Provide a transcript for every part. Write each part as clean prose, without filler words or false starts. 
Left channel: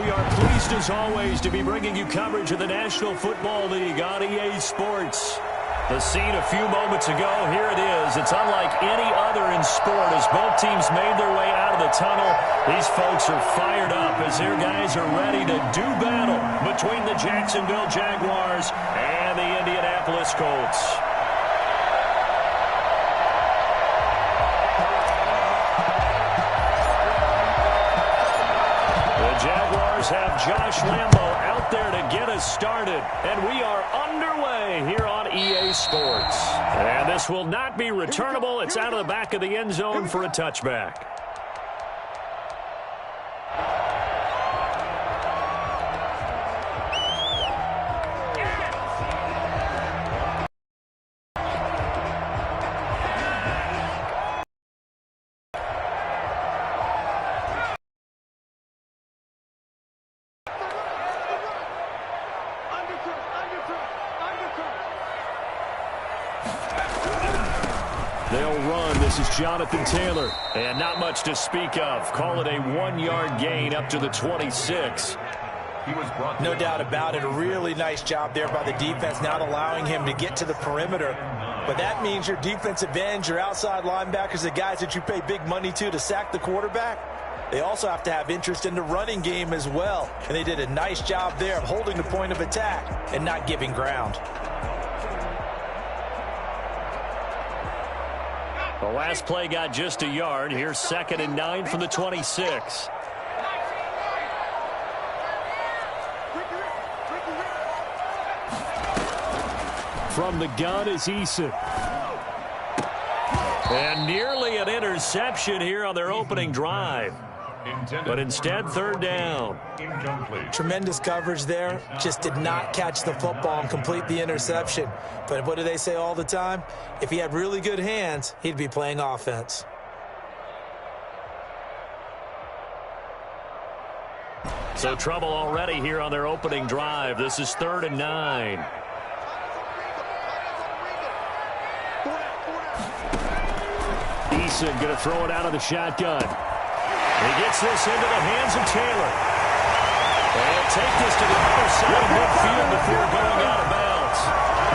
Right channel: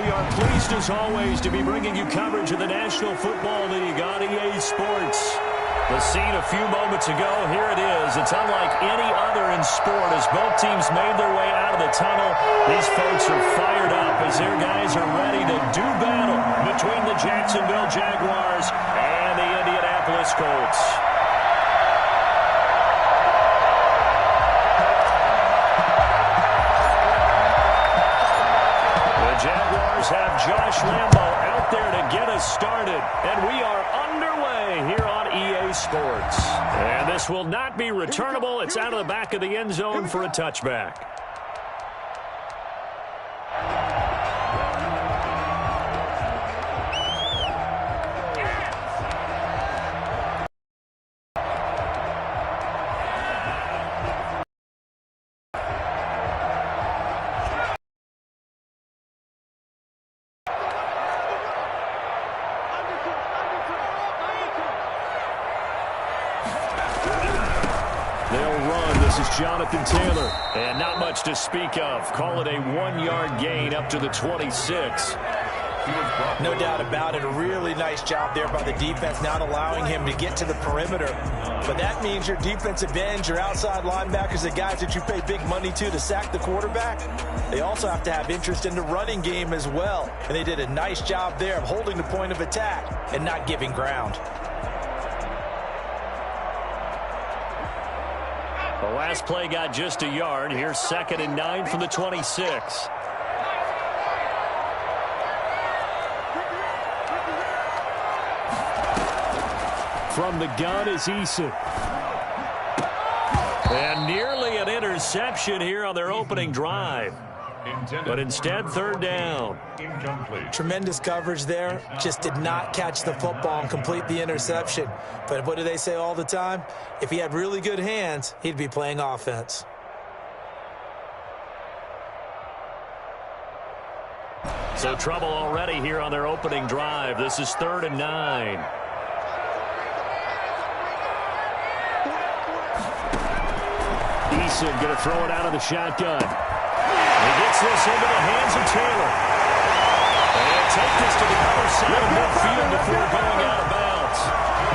We are pleased as always to be bringing you coverage of the National Football League on EA Sports. The scene a few moments ago, here it is. It's unlike any other in sport as both teams made their way out of the tunnel. These folks are fired up as their guys are ready to do battle between the Jacksonville Jaguars and the Indianapolis Colts. The Jaguars have Josh Lambo out there to get us started, and we are underway here on EA Sports. And this will not be returnable. It's out of the back of the end zone for a touchback. They'll run. This is Jonathan Taylor. And not much to speak of. Call it a 1-yard gain up to the 26. No doubt about it. A really nice job there by the defense, not allowing him to get to the perimeter. But that means your defensive ends, your outside linebackers, the guys that you pay big money to sack the quarterback, they also have to have interest in the running game as well. And they did a nice job there of holding the point of attack and not giving ground. The last play got just a yard. Here's 2nd and 9 from the 26. From the gun is Eason. And nearly an interception here on their opening drive. But instead, 3rd down. Tremendous coverage there. Just did not catch the football and complete the interception. But what do they say all the time? If he had really good hands, he'd be playing offense. So trouble already here on their opening drive. This is 3rd and 9. Eason going to throw it out of the shotgun. He gets this into the hands of Taylor. And take this to the other side of midfield before going out of bounds.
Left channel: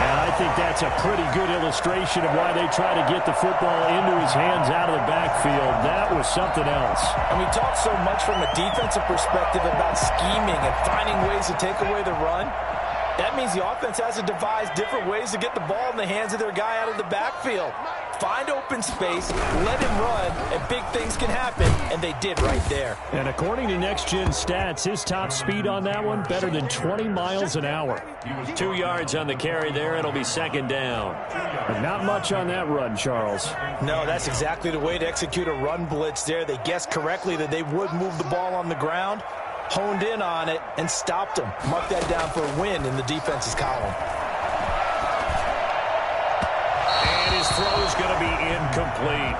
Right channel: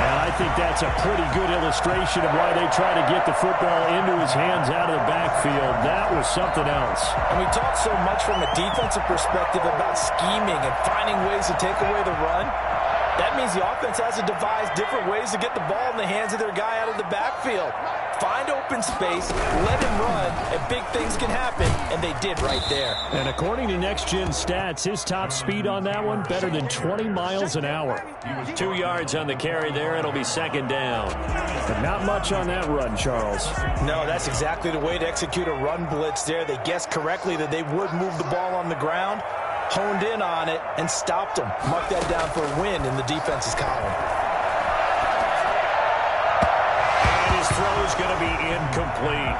And I think that's a pretty good illustration of why they try to get the football into his hands out of the backfield. That was something else. And we talk so much from a defensive perspective about scheming and finding ways to take away the run. That means the offense has to devise different ways to get the ball in the hands of their guy out of the backfield. Find open space, let him run, and big things can happen, and they did right there. And according to Next Gen Stats, his top speed on that one, better than 20 miles an hour. 2 yards on the carry there. It'll be 2nd down. But not much on that run, Charles. No, that's exactly the way to execute a run blitz there. They guessed correctly that they would move the ball on the ground, honed in on it, and stopped them. Mark that down for a win in the defense's column. And his throw is going to be incomplete.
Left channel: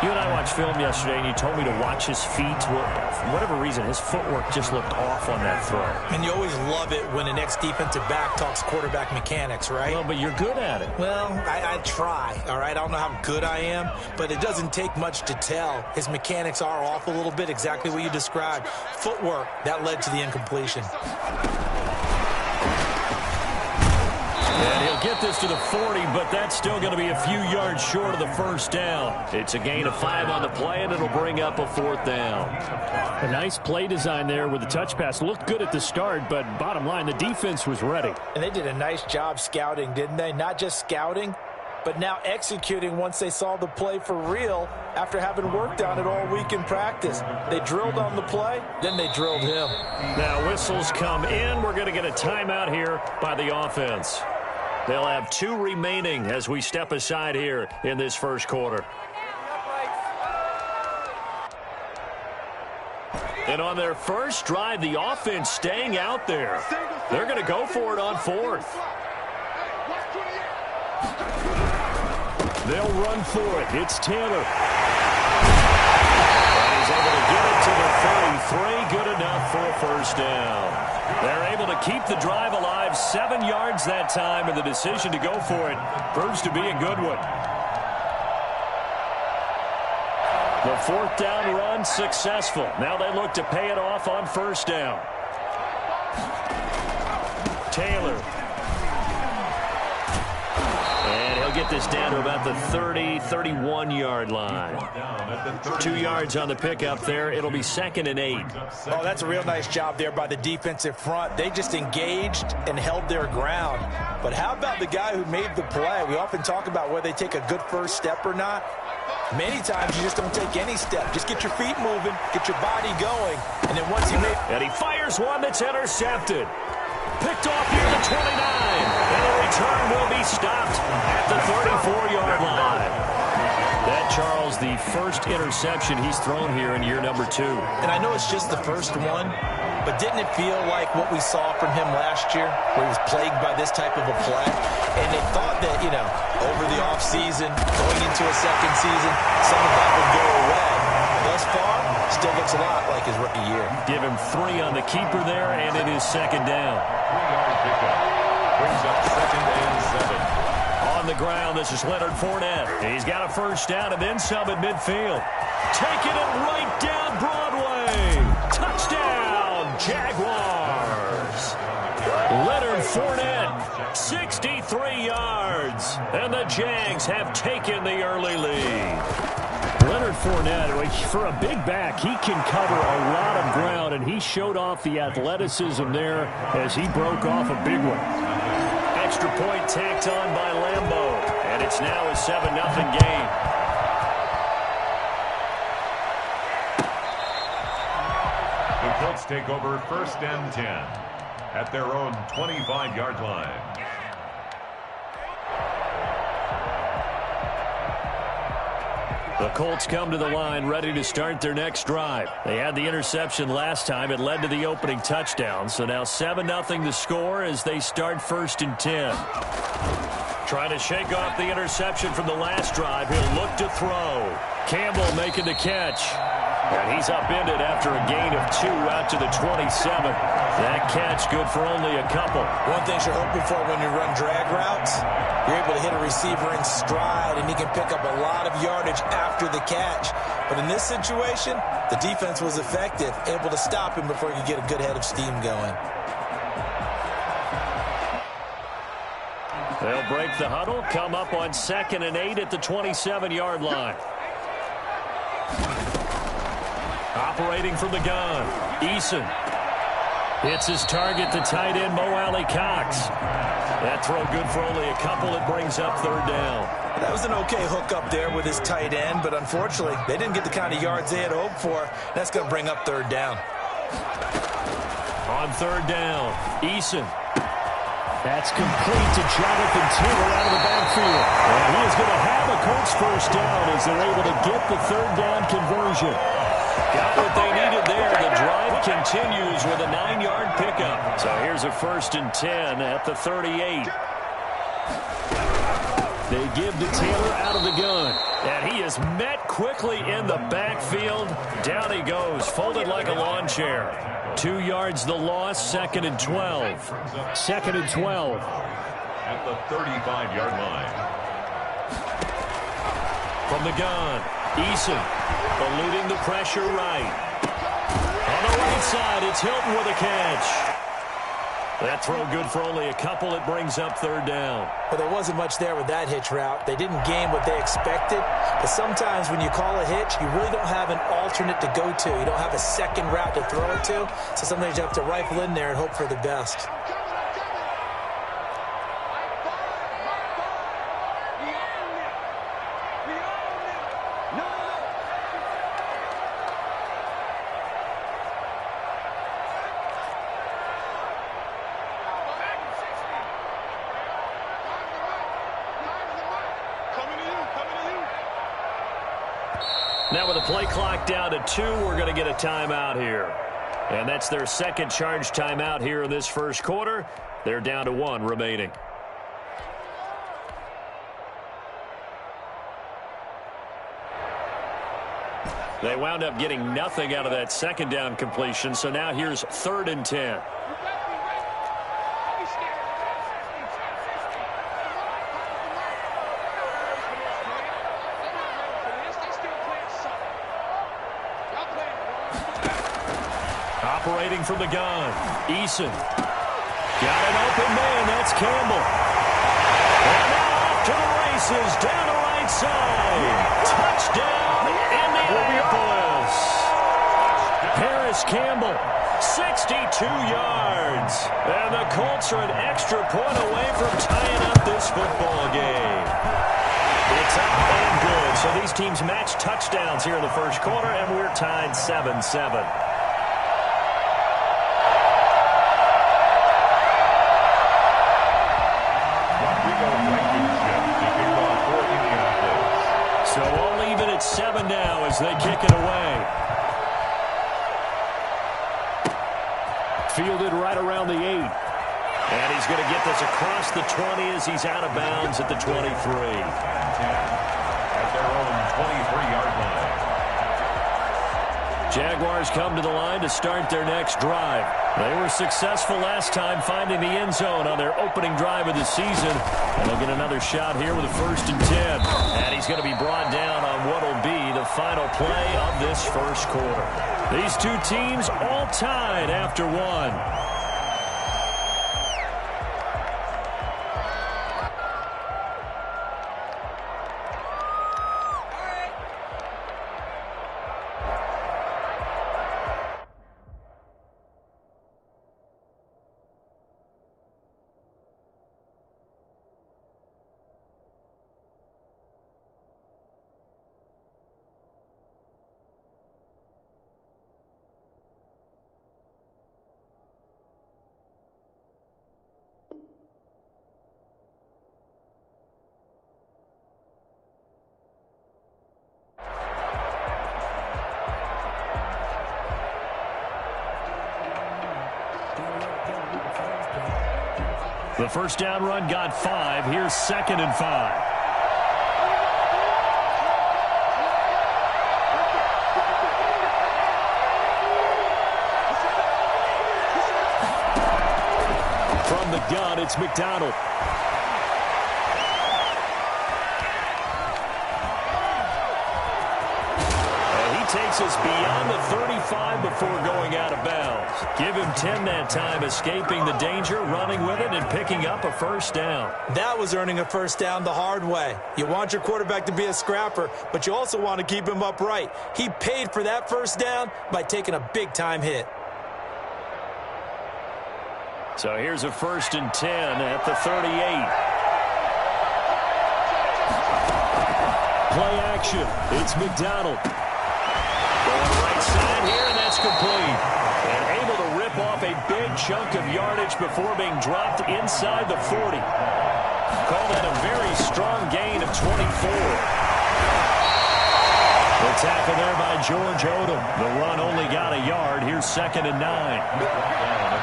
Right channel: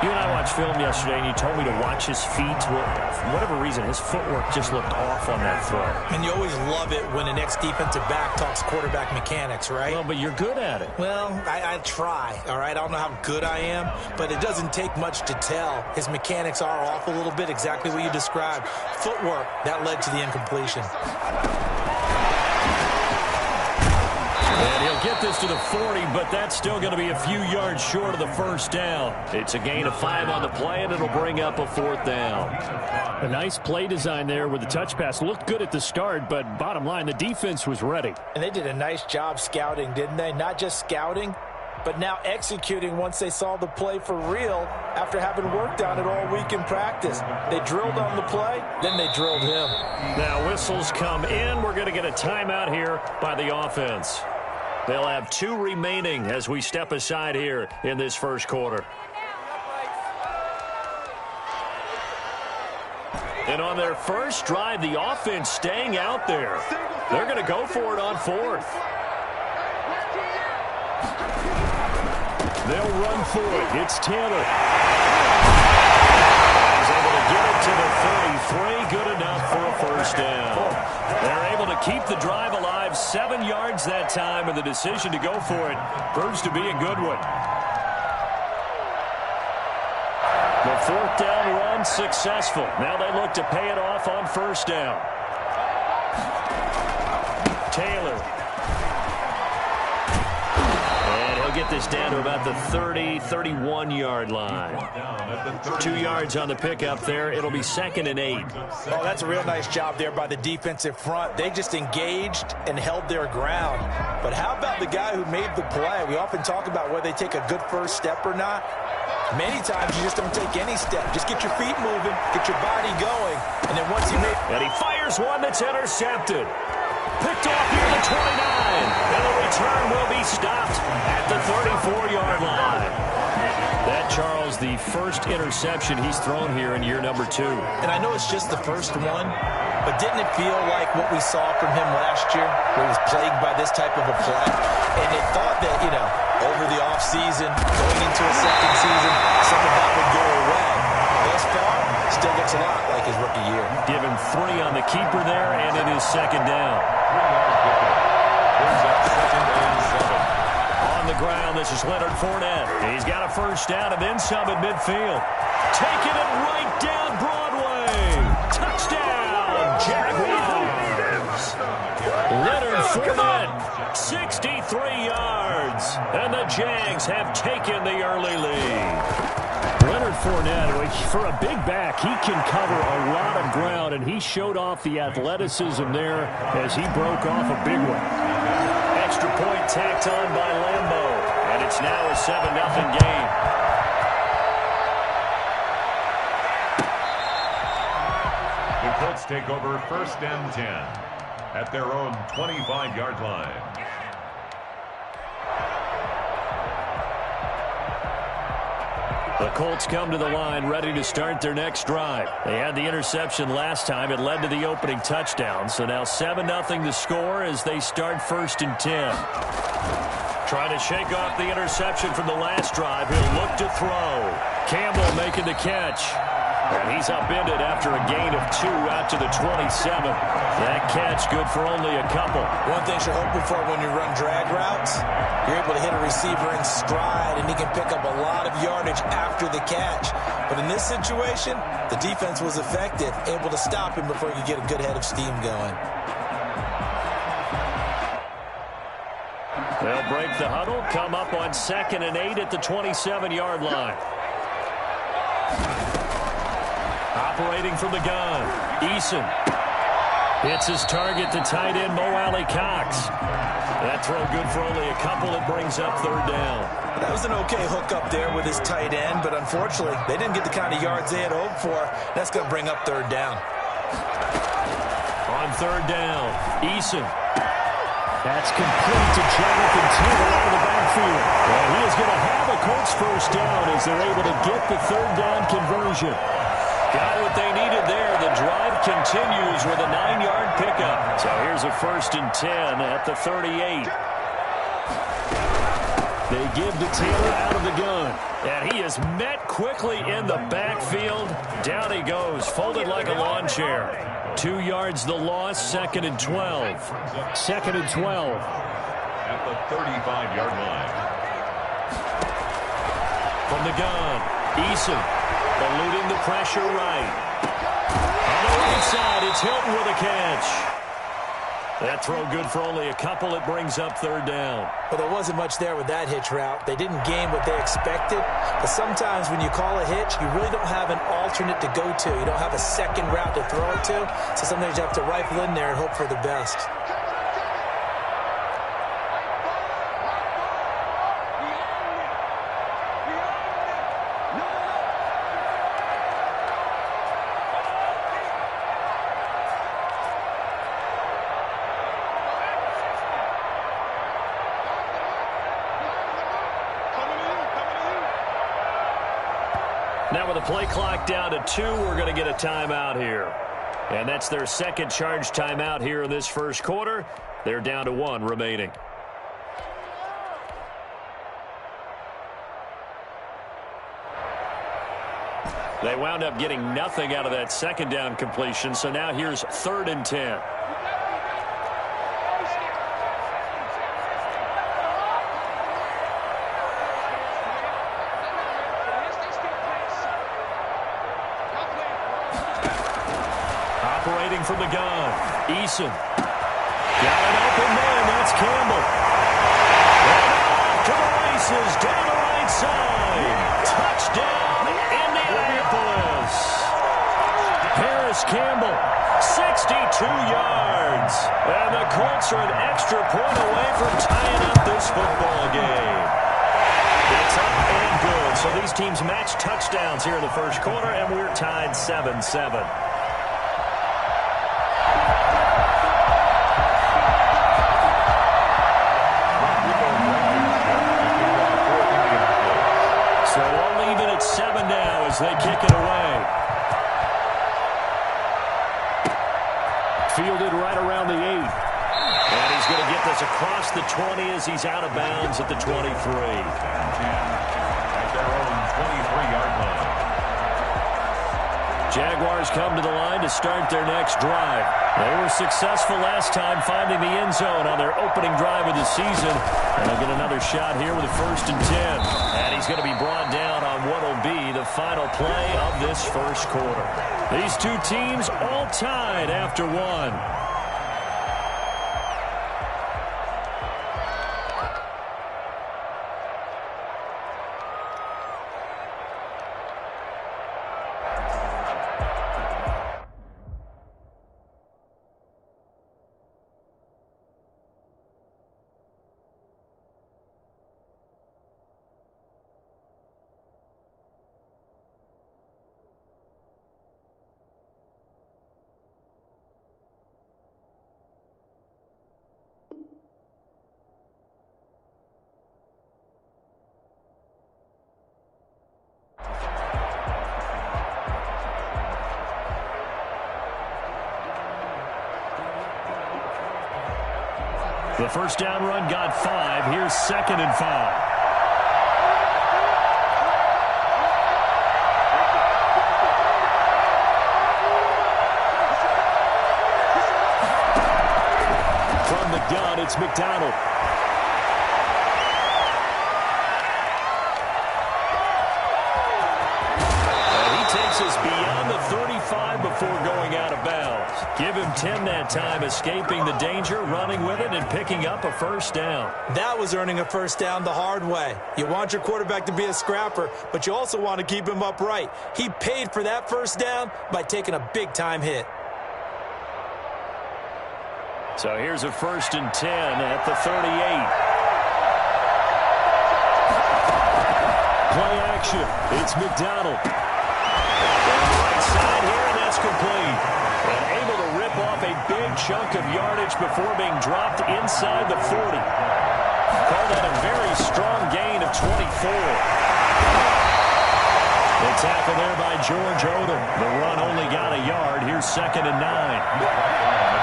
You and I watched film yesterday, and you told me to watch his feet. Well, for whatever reason, his footwork just looked off on that throw. And you always love it when an ex-defensive back talks quarterback mechanics, right? Well, but you're good at it. Well, I try, all right? I don't know how good I am, but it doesn't take much to tell. His mechanics are off a little bit, exactly what you described. Footwork, that led to the incompletion. And he'll get this to the 40, but that's still going to be a few yards short of the 1st down. It's a gain of 5 on the play, and it'll bring up a 4th down. A nice play design there with the touch pass. Looked good at the start, but bottom line, the defense was ready. And they did a nice job scouting, didn't they? Not just scouting, but now executing once they saw the play for real after having worked on it all week in practice. They drilled on the play, then they drilled him. Now whistles come in. We're going to get a timeout here by the offense. They'll have 2 remaining as we step aside here in this 1st quarter. And on their first drive, the offense staying out there. They're going to go for it on 4th. They'll run for it. It's Taylor. And he's able to get it to the 33. Good enough for a 1st down. They're able to keep the drive alive, 7 yards that time, and the decision to go for it proves to be a good one. The 4th down run successful. Now they look to pay it off on 1st down. Taylor. And he'll get this down to about the 30, 31-yard line. 2 yards on the pickup there. It'll be 2nd and 8. Oh, that's a real nice job there by the defensive front. They just engaged and held their ground. But how about the guy who made the play? We often talk about whether they take a good first step or not. Many times you just don't take any step. Just get your feet moving, get your body going, and then once you make... And he fires one that's intercepted. Picked off near the 29, and the return will be stopped at the 34-yard line. That, Charles, the first interception he's thrown here in year number 2. And I know it's just the first one, but didn't it feel like what we saw from him last year, where he was plagued by this type of a play? And they thought that, you know, over the offseason, going into a second season, some of that would go away. Thus far, still looks a lot like his rookie year. Give him 3 on the keeper there, and it is 2nd down. 3-yard pickup. Brings up 2nd and 7. On the ground, this is Leonard Fournette. He's got a first down and then some at midfield. Taking it right down Broadway. Touchdown, Jaguars. Leonard Fournette, 63 yards. And the Jags have taken the early lead. Leonard Fournette, for a big back, he can cover a lot of ground, and he showed off the athleticism there as he broke off a big one. Extra point tacked on by Lambeau, and it's now a 7-0 game. The Colts take over 1st and 10 at their own 25-yard line. The Colts come to the line ready to start their next drive. They had the interception last time. It led to the opening touchdown. So now 7-0 the score as they start 1st and 10. Trying to shake off the interception from the last drive. He'll look to throw. Campbell making the catch. And he's upended after a gain of 2 out to the 27. That catch good for only a couple. One thing you're hoping for when you run drag routes, you're able to hit a receiver in stride, and he can pick up a lot of yardage after the catch. But in this situation, the defense was effective, able to stop him before he could get a good head of steam going. They'll break the huddle, come up on 2nd and 8 at the 27-yard line. Operating from the gun, Eason hits his target, the tight end, Mo Alley-Cox. That throw good for only a couple. It brings up 3rd down. Well, that was an okay hook up there with his tight end, but unfortunately, they didn't get the kind of yards they had hoped for. That's going to bring up 3rd down. On 3rd down, Eason. That's complete to Jonathan Taylor out of the backfield. And he is going to have a Colts first down as they're able to get the 3rd down conversion. Got what they needed there. The drive continues with a 9-yard pickup. So here's a 1st and 10 at the 38. They give to Taylor out of the gun. And he is met quickly in the backfield. Down he goes, folded like a lawn chair. 2 yards the loss, 2nd and 12. 2nd and 12. At the 35-yard line. From the gun, Eason. Eluding the pressure right. On the right side, it's Hilton with a catch. That throw good for only a couple. It brings up 3rd down. Well, there wasn't much there with that hitch route. They didn't gain what they expected. But sometimes when you call a hitch, you really don't have an alternate to go to. You don't have a second route to throw it to. So sometimes you have to rifle in there and hope for the best. Now with the play clock down to 2, we're going to get a timeout here. And that's their 2nd charge timeout here in this 1st quarter. They're down to 1 remaining. They wound up getting nothing out of that 2nd down completion, so now here's 3rd and 10. Operating from the gun, Eason. Got an open man, that's Campbell. And now off to the races, down the right side. Touchdown, Indianapolis. Paris Campbell, 62 yards. And the Colts are an extra point away from tying up this football game. It's up and good. So these teams match touchdowns here in the first quarter, and we're tied 7-7. So all even at 7 now as they kick it away. Fielded right around the 8. And he's going to get this across the 20 as he's out of bounds at the 23. At their own 23-yard line. Jaguars come to the line to start their next drive. They were successful last time finding the end zone on their opening drive of the season. And they'll get another shot here with a 1st and 10. And he's going to be brought down on what will be the final play of this first quarter. These two teams all tied after one. The first down run got 5. Here's 2nd and 5. From the gun, it's McDonald. Takes us beyond the 35 before going out of bounds. Give him 10 that time, escaping the danger, running with it, and picking up a first down. That was earning a first down the hard way. You want your quarterback to be a scrapper, but you also want to keep him upright. He paid for that first down by taking a big-time hit. So here's a 1st and 10 at the 38. Play action. It's McDonald. On the right side here, and that's complete. And able to rip off a big chunk of yardage before being dropped inside the 40. Call that a very strong gain of 24. The tackle there by George Odom. The run only got a yard. Here's 2nd and 9. At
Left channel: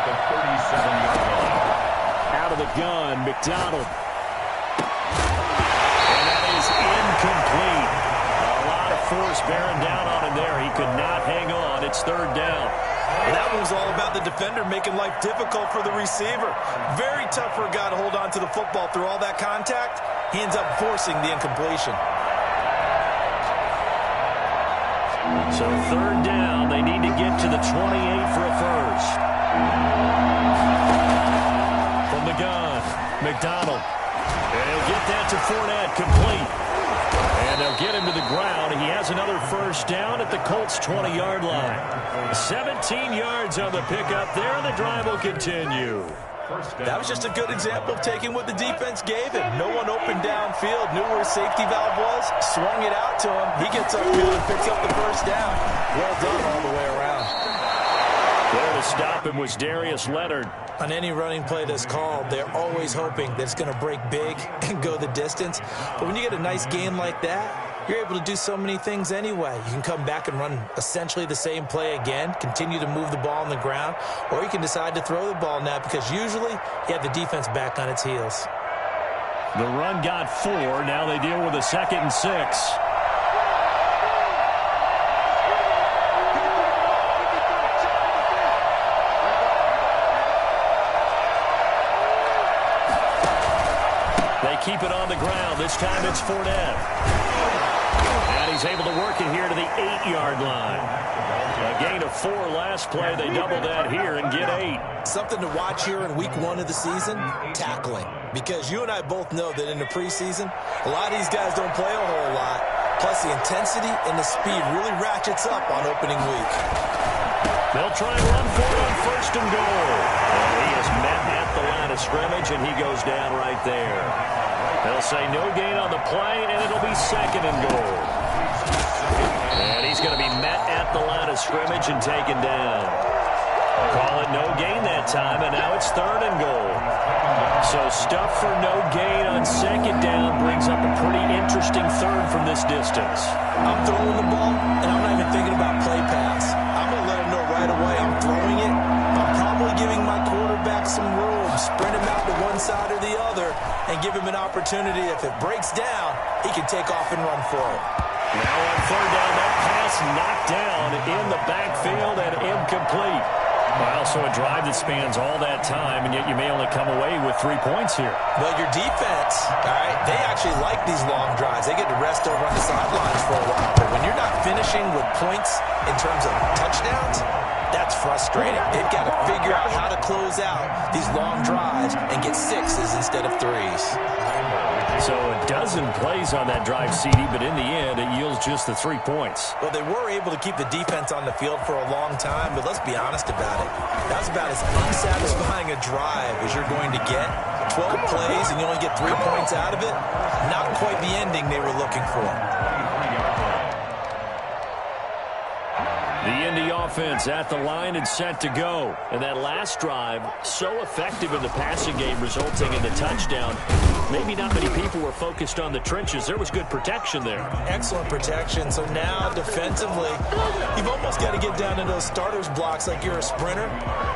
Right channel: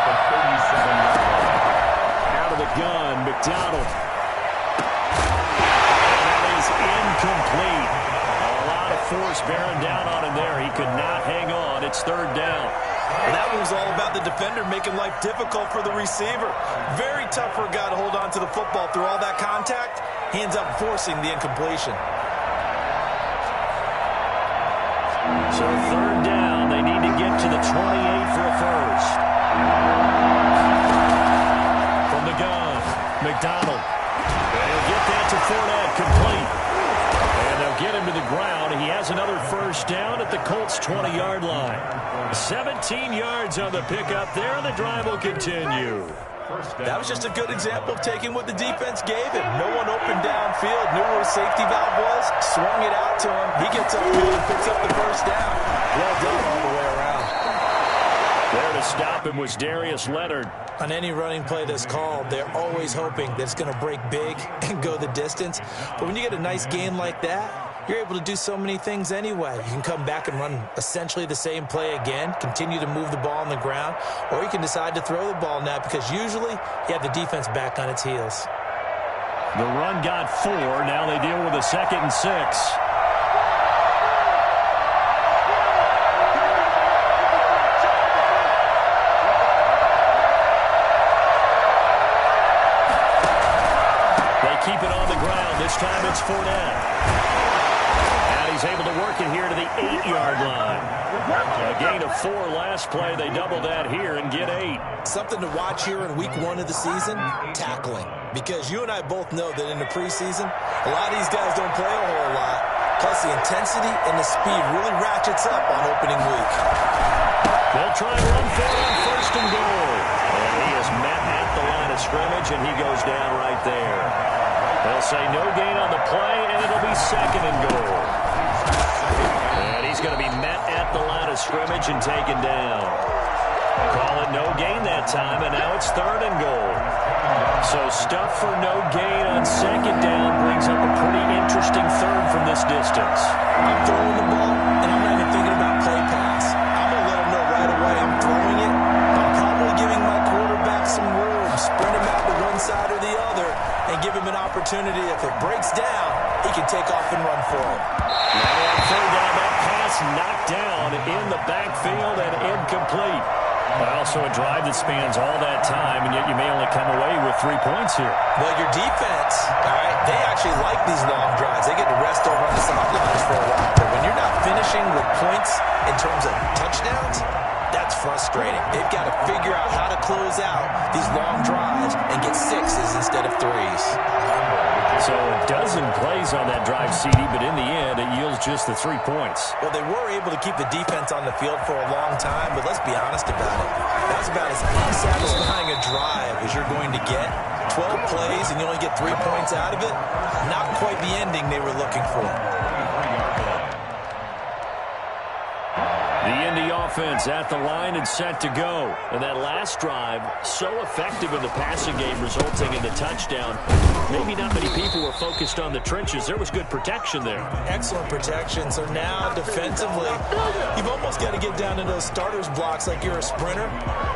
the 37-yard line. Out of the gun, McDonald. And that is incomplete. A lot of force bearing down on him there. He could not hang on. It's 3rd down. And that one was all about the defender making life difficult for the receiver. Very tough for a guy to hold on to the football through all that contact. He ends up forcing the incompletion. So 3rd down. They need to get to the 28 for a first. From the gun, McDonald. And he'll get that to Fournette, complete. And they'll get him to the ground. He has another first down at the Colts' 20-yard line. 17 yards on the pickup there, and the drive will continue. That was just a good example of taking what the defense gave him. No one opened downfield, knew where his safety valve was, swung it out to him. He gets upfield and picks up the first down. Well done all the way around. There to stop him was Darius Leonard. On any running play that's called, they're always hoping that it's going to break big and go the distance. But when you get a nice gain like that, you're able to do so many things anyway. You can come back and run essentially the same play again, continue to move the ball on the ground, or you can decide to throw the ball now because usually you have the defense back on its heels. The run got 4. Now they deal with a 2nd and 6. They keep it on the ground. This time it's Fournette. And he's able to work it here to the 8-yard line. A gain of 4 last play. They double that here and get 8. Something to watch here in week 1 of the season, tackling. Because you and I both know that in the preseason, a lot of these guys don't play a whole lot. Plus, the intensity and the speed really ratchets up on opening week. They'll try and run for it on 1st and goal. And he is met at the line of scrimmage, and he goes down right there. They'll say no gain on the play, and it'll be 2nd and goal. And he's going to be met at the line of scrimmage and taken down. Call it no gain that time, and now it's 3rd and goal. So stuff for no gain on 2nd down brings up a pretty interesting 3rd from this distance. I'm throwing the ball, and I'm not even thinking about play pass. I'm going to let him know right away I'm throwing it. I'm probably giving my quarterback some room, sprint him out to one side or the other, and give him an opportunity. If it breaks down, he can take off and run for it. Now on 3rd down, that pass knocked down in the backfield and incomplete. Well, so a drive that spans all that time, and yet you may only come away with 3 points here. Well, your defense, all right, they actually like these long drives. They get to rest over on the sidelines for a while. But when you're not finishing with points in terms of touchdowns, that's frustrating. They've got to figure out how to close out these long drives and get 6s instead of 3s. So a dozen plays on that drive, CD, but in the end, it yields just the 3 points. Well, they were able to keep the defense on the field for a long time, but let's be honest about it. That was about as unsatisfying a drive as you're going to get. 12 plays and you only get 3 points out of it. Not quite the ending they were looking for. The Indy offense at the line and set to go. And that last drive, so effective in the passing game, resulting in the touchdown. Maybe not many people were focused on the trenches. There was good protection there. Excellent protection. So now, defensively, you've almost got to get down in those starters blocks like you're a sprinter.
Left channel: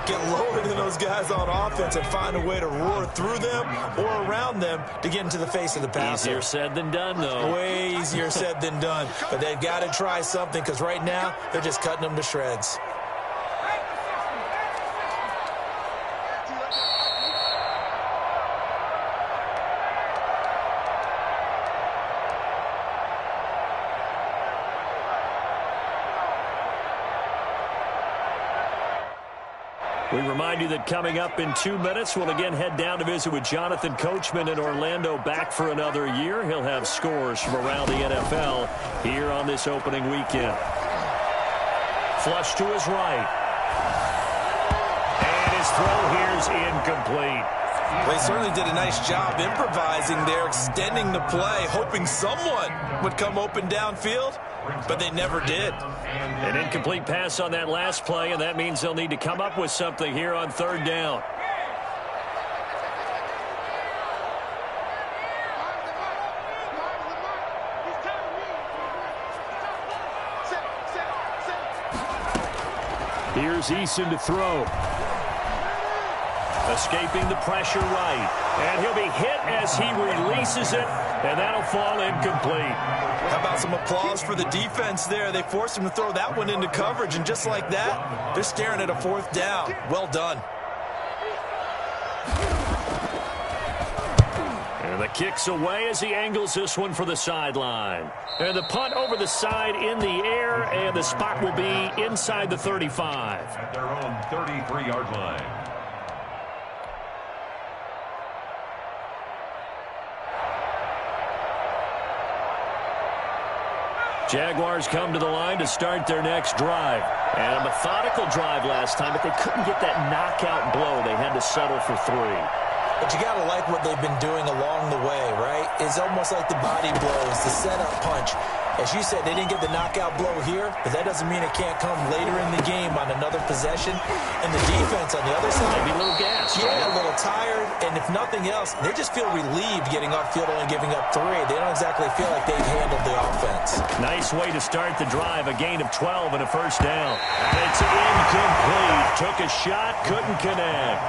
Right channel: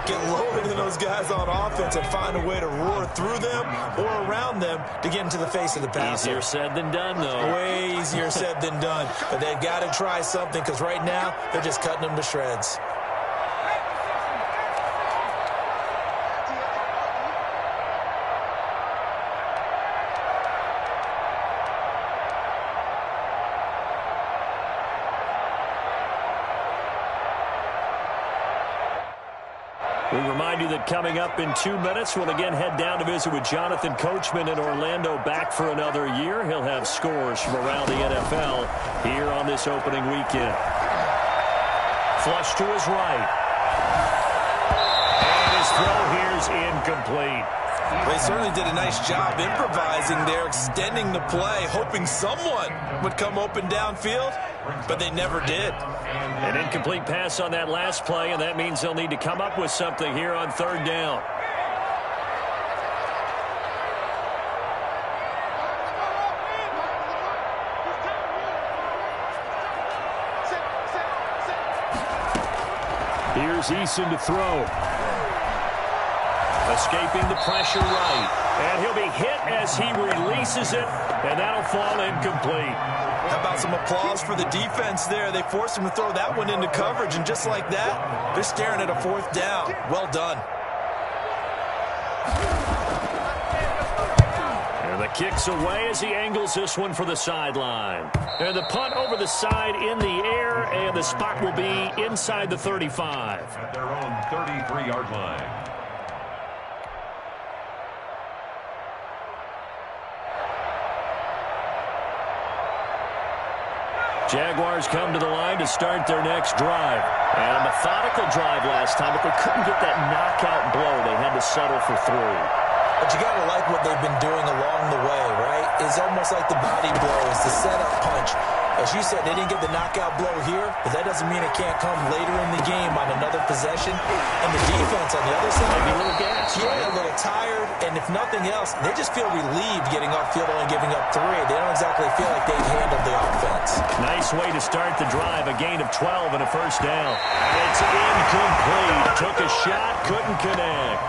Get lower than those guys on offense and find a way to roar through them or around them to get into the face of the passer. Easier said than done, though. Way easier said than done. But they've got to try something because right now, they're just cutting them to shreds. We remind you that coming up in 2 minutes, we'll again head down to visit with Jonathan Coachman in Orlando, back for another year. He'll have scores from around the NFL here on this opening weekend. Flush to his right. And his throw here's incomplete. They certainly did a nice job improvising there, extending the play, hoping someone would come open downfield, but they never did. An incomplete pass on that last play, and that means they'll need to come up with something here on 3rd down. Here's Eason to throw. Escaping the pressure right. And he'll be hit as he releases it, and that'll fall incomplete. How about some applause for the defense there? They forced him to throw that one into coverage, and just like that, they're staring at a 4th down. Well done. And the kick's away as he angles this one for the sideline. And the punt over the side in the air, and the spot will be inside the 35. At their own 33-yard line. Jaguars come to the line to start their next drive. And a methodical drive last time, but they couldn't get that knockout blow. They had to settle for 3. But you got to like what they've been doing along the way, right? It's almost like the body blows, the setup punch. As you said, they didn't get the knockout blow here, but that doesn't mean it can't come later in the game on another possession. And the defense on the other side, maybe a little gas, yeah, a little tired. And if nothing else, they just feel relieved getting upfield only giving up 3. They don't exactly feel like they've handled the offense. Nice way to start the drive, a gain of 12 and a 1st down. And it's incomplete. Took a shot, couldn't connect.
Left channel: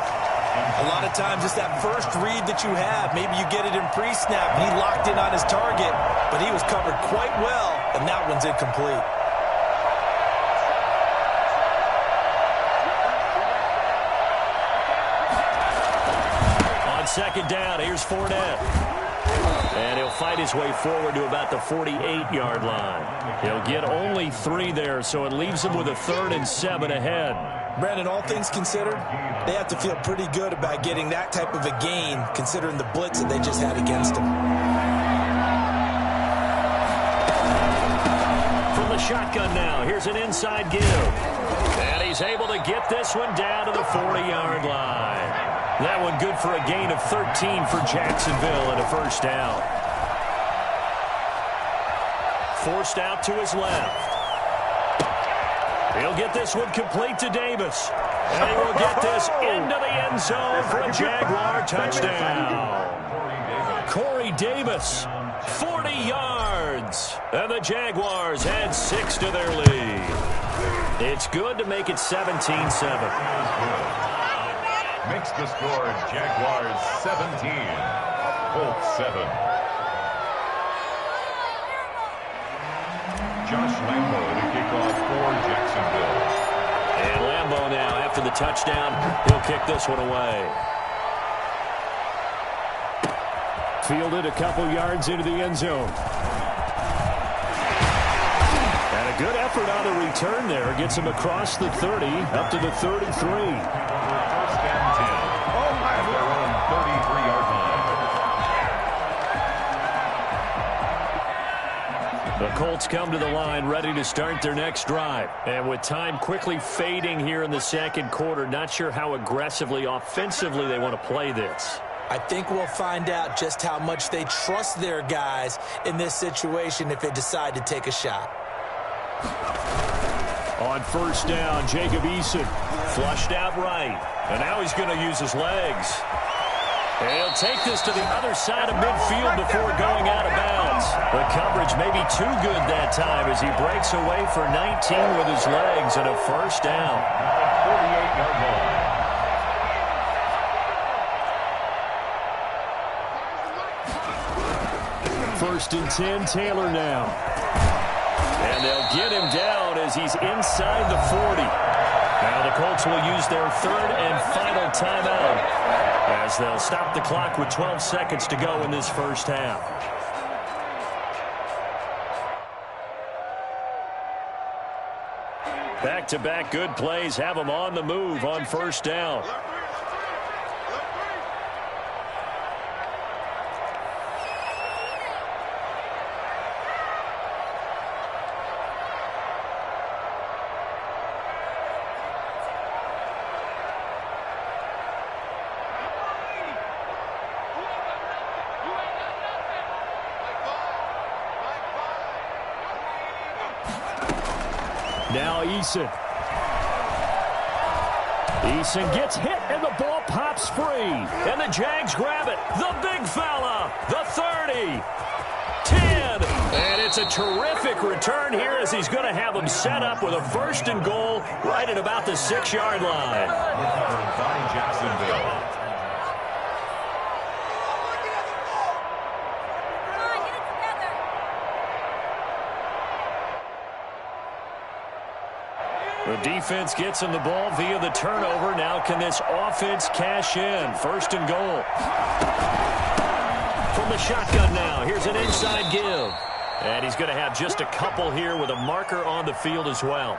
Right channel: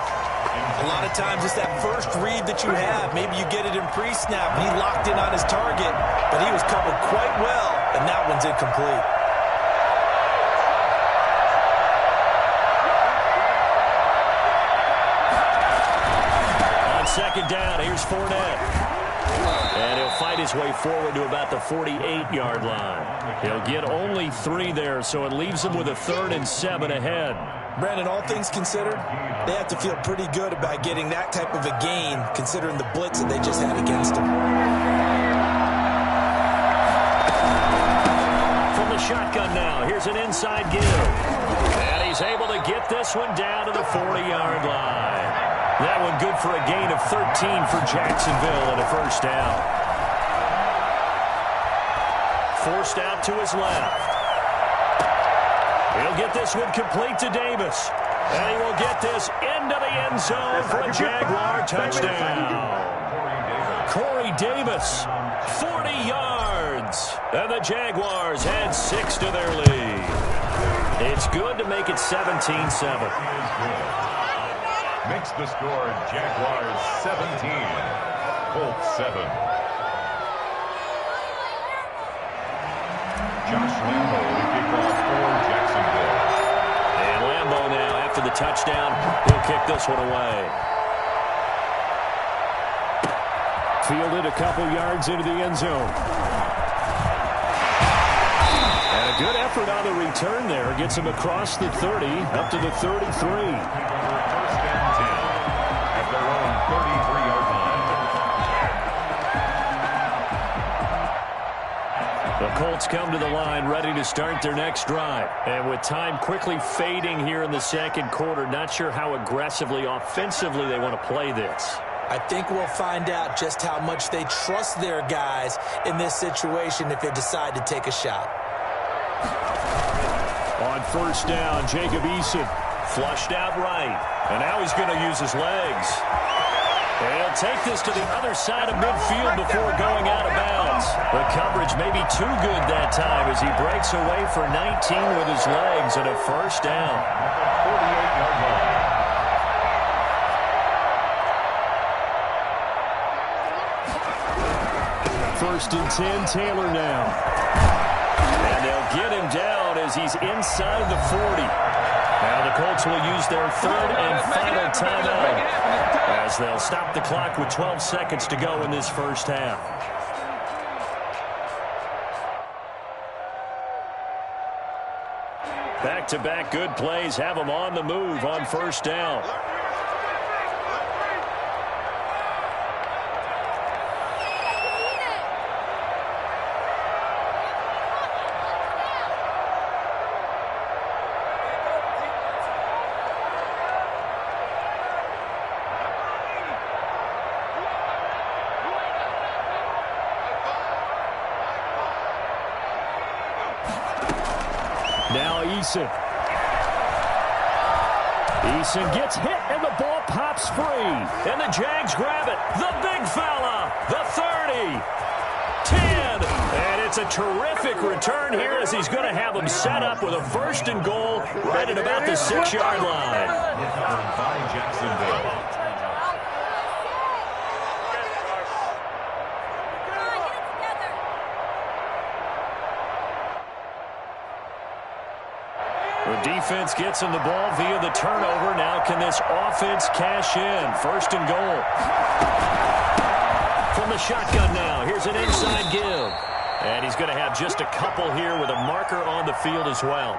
A lot of times it's that first read that you have. Maybe you get it in pre-snap, and he locked in on his target, but he was covered quite well, and that one's incomplete. On 2nd down, here's Fournette. And he'll fight his way forward to about the 48-yard line. He'll get only 3 there, so it leaves him with a 3rd and 7 ahead. Brandon, all things considered, they have to feel pretty good about getting that type of a gain, considering the blitz that they just had against them. From the shotgun now, here's an inside give. And he's able to get this one down to the 40-yard line. That one good for a gain of 13 for Jacksonville and a first down. Forced out to his left. He'll get this one complete to Davis. And he will get this into the end zone for a Jaguar touchdown. Corey Davis, 40 yards. And the Jaguars add 6 to their lead. It's good to make it 17-7. Makes the score Jaguars 17, Colts 7. Josh Lambo to kick off for Jacksonville. And Lambo now, after the touchdown, he'll kick this one away. Fielded a couple yards into the end zone. And a good effort on the return there. Gets him across the 30, up to the 33. First and 10 at their own 33-yard line. The Colts come to the line ready to start their next drive. And with time quickly fading here in the second quarter, not sure how aggressively, offensively they want to play this. I think we'll find out just how much they trust their guys in this situation if they decide to take a shot. On first down, Jacob Eason. Flushed out right. And now he's going to use his legs. And he'll take this to the other side of midfield before going out of bounds. The coverage may be too good that time as he breaks away for 19 with his legs and a first down. 48-yard line. First and 10, Taylor now. And they'll get him down as he's inside the 40. Now the Colts will use their 3rd and final timeout as they'll stop the clock with 12 seconds to go in this first half. Back-to-back good plays have them on the move on first down. Now Eason. Eason gets hit, and the ball pops free. And the Jags grab it. The big fella. The 30. 10. And it's a terrific return here as he's going to have them set up with a 1st and goal right at about the 6-yard line. By Jacksonville. The defense gets him the ball via the turnover. Now can this offense cash in? 1st and goal. From the shotgun now, here's an inside give. And he's going to have just a couple here with a marker on the field as well.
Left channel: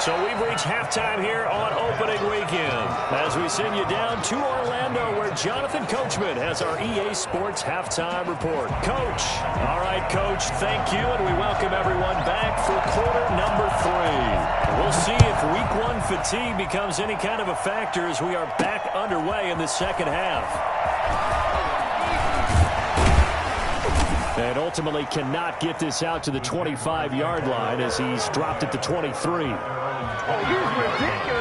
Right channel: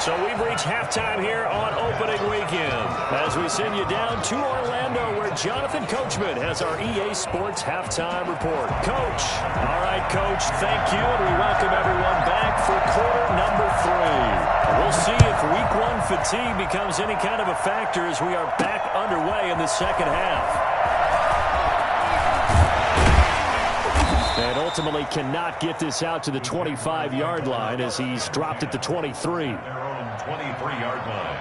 So we've reached halftime here on opening weekend as we send you down to Orlando where Jonathan Coachman has our EA Sports halftime report. Coach. All right, Coach, thank you, and we welcome everyone back for quarter number 3. We'll see if week 1 fatigue becomes any kind of a factor as we are back underway in the second half. And ultimately cannot get this out to the 25-yard line as he's dropped at the 23. 23-yard line.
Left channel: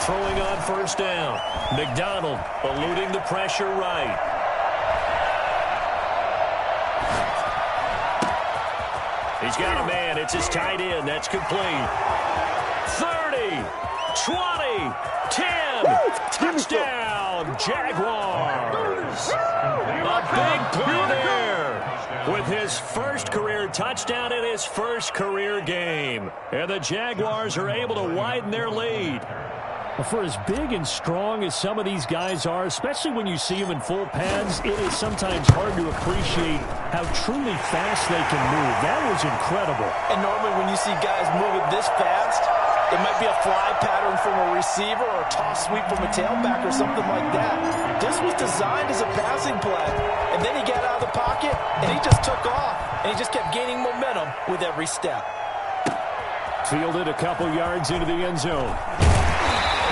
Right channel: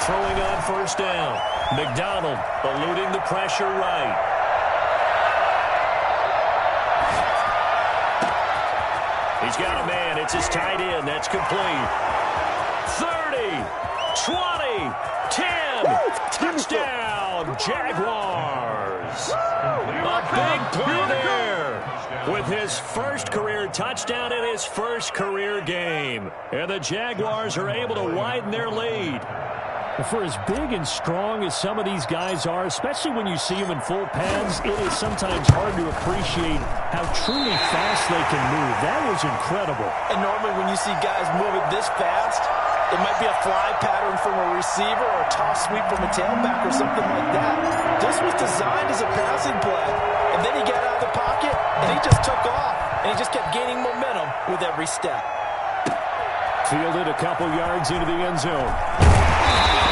Throwing on first down. McDonald eluding the pressure right. He's got a man. It's his tight end. That's complete. 30. 20, 10, touchdown, Jaguars. A big play there with his first career touchdown in his first career game. And the Jaguars are able to widen their lead. For as big and strong as some of these guys are, especially when you see them in full pads, it is sometimes hard to appreciate how truly fast they can move. That was incredible. And normally when you see guys move it this fast, it might be a fly pattern from a receiver or a toss sweep from a tailback or something like that. This was designed as a passing play. And then he got out of the pocket, and he just took off. And he just kept gaining momentum with every step. Fielded a couple yards into the end zone.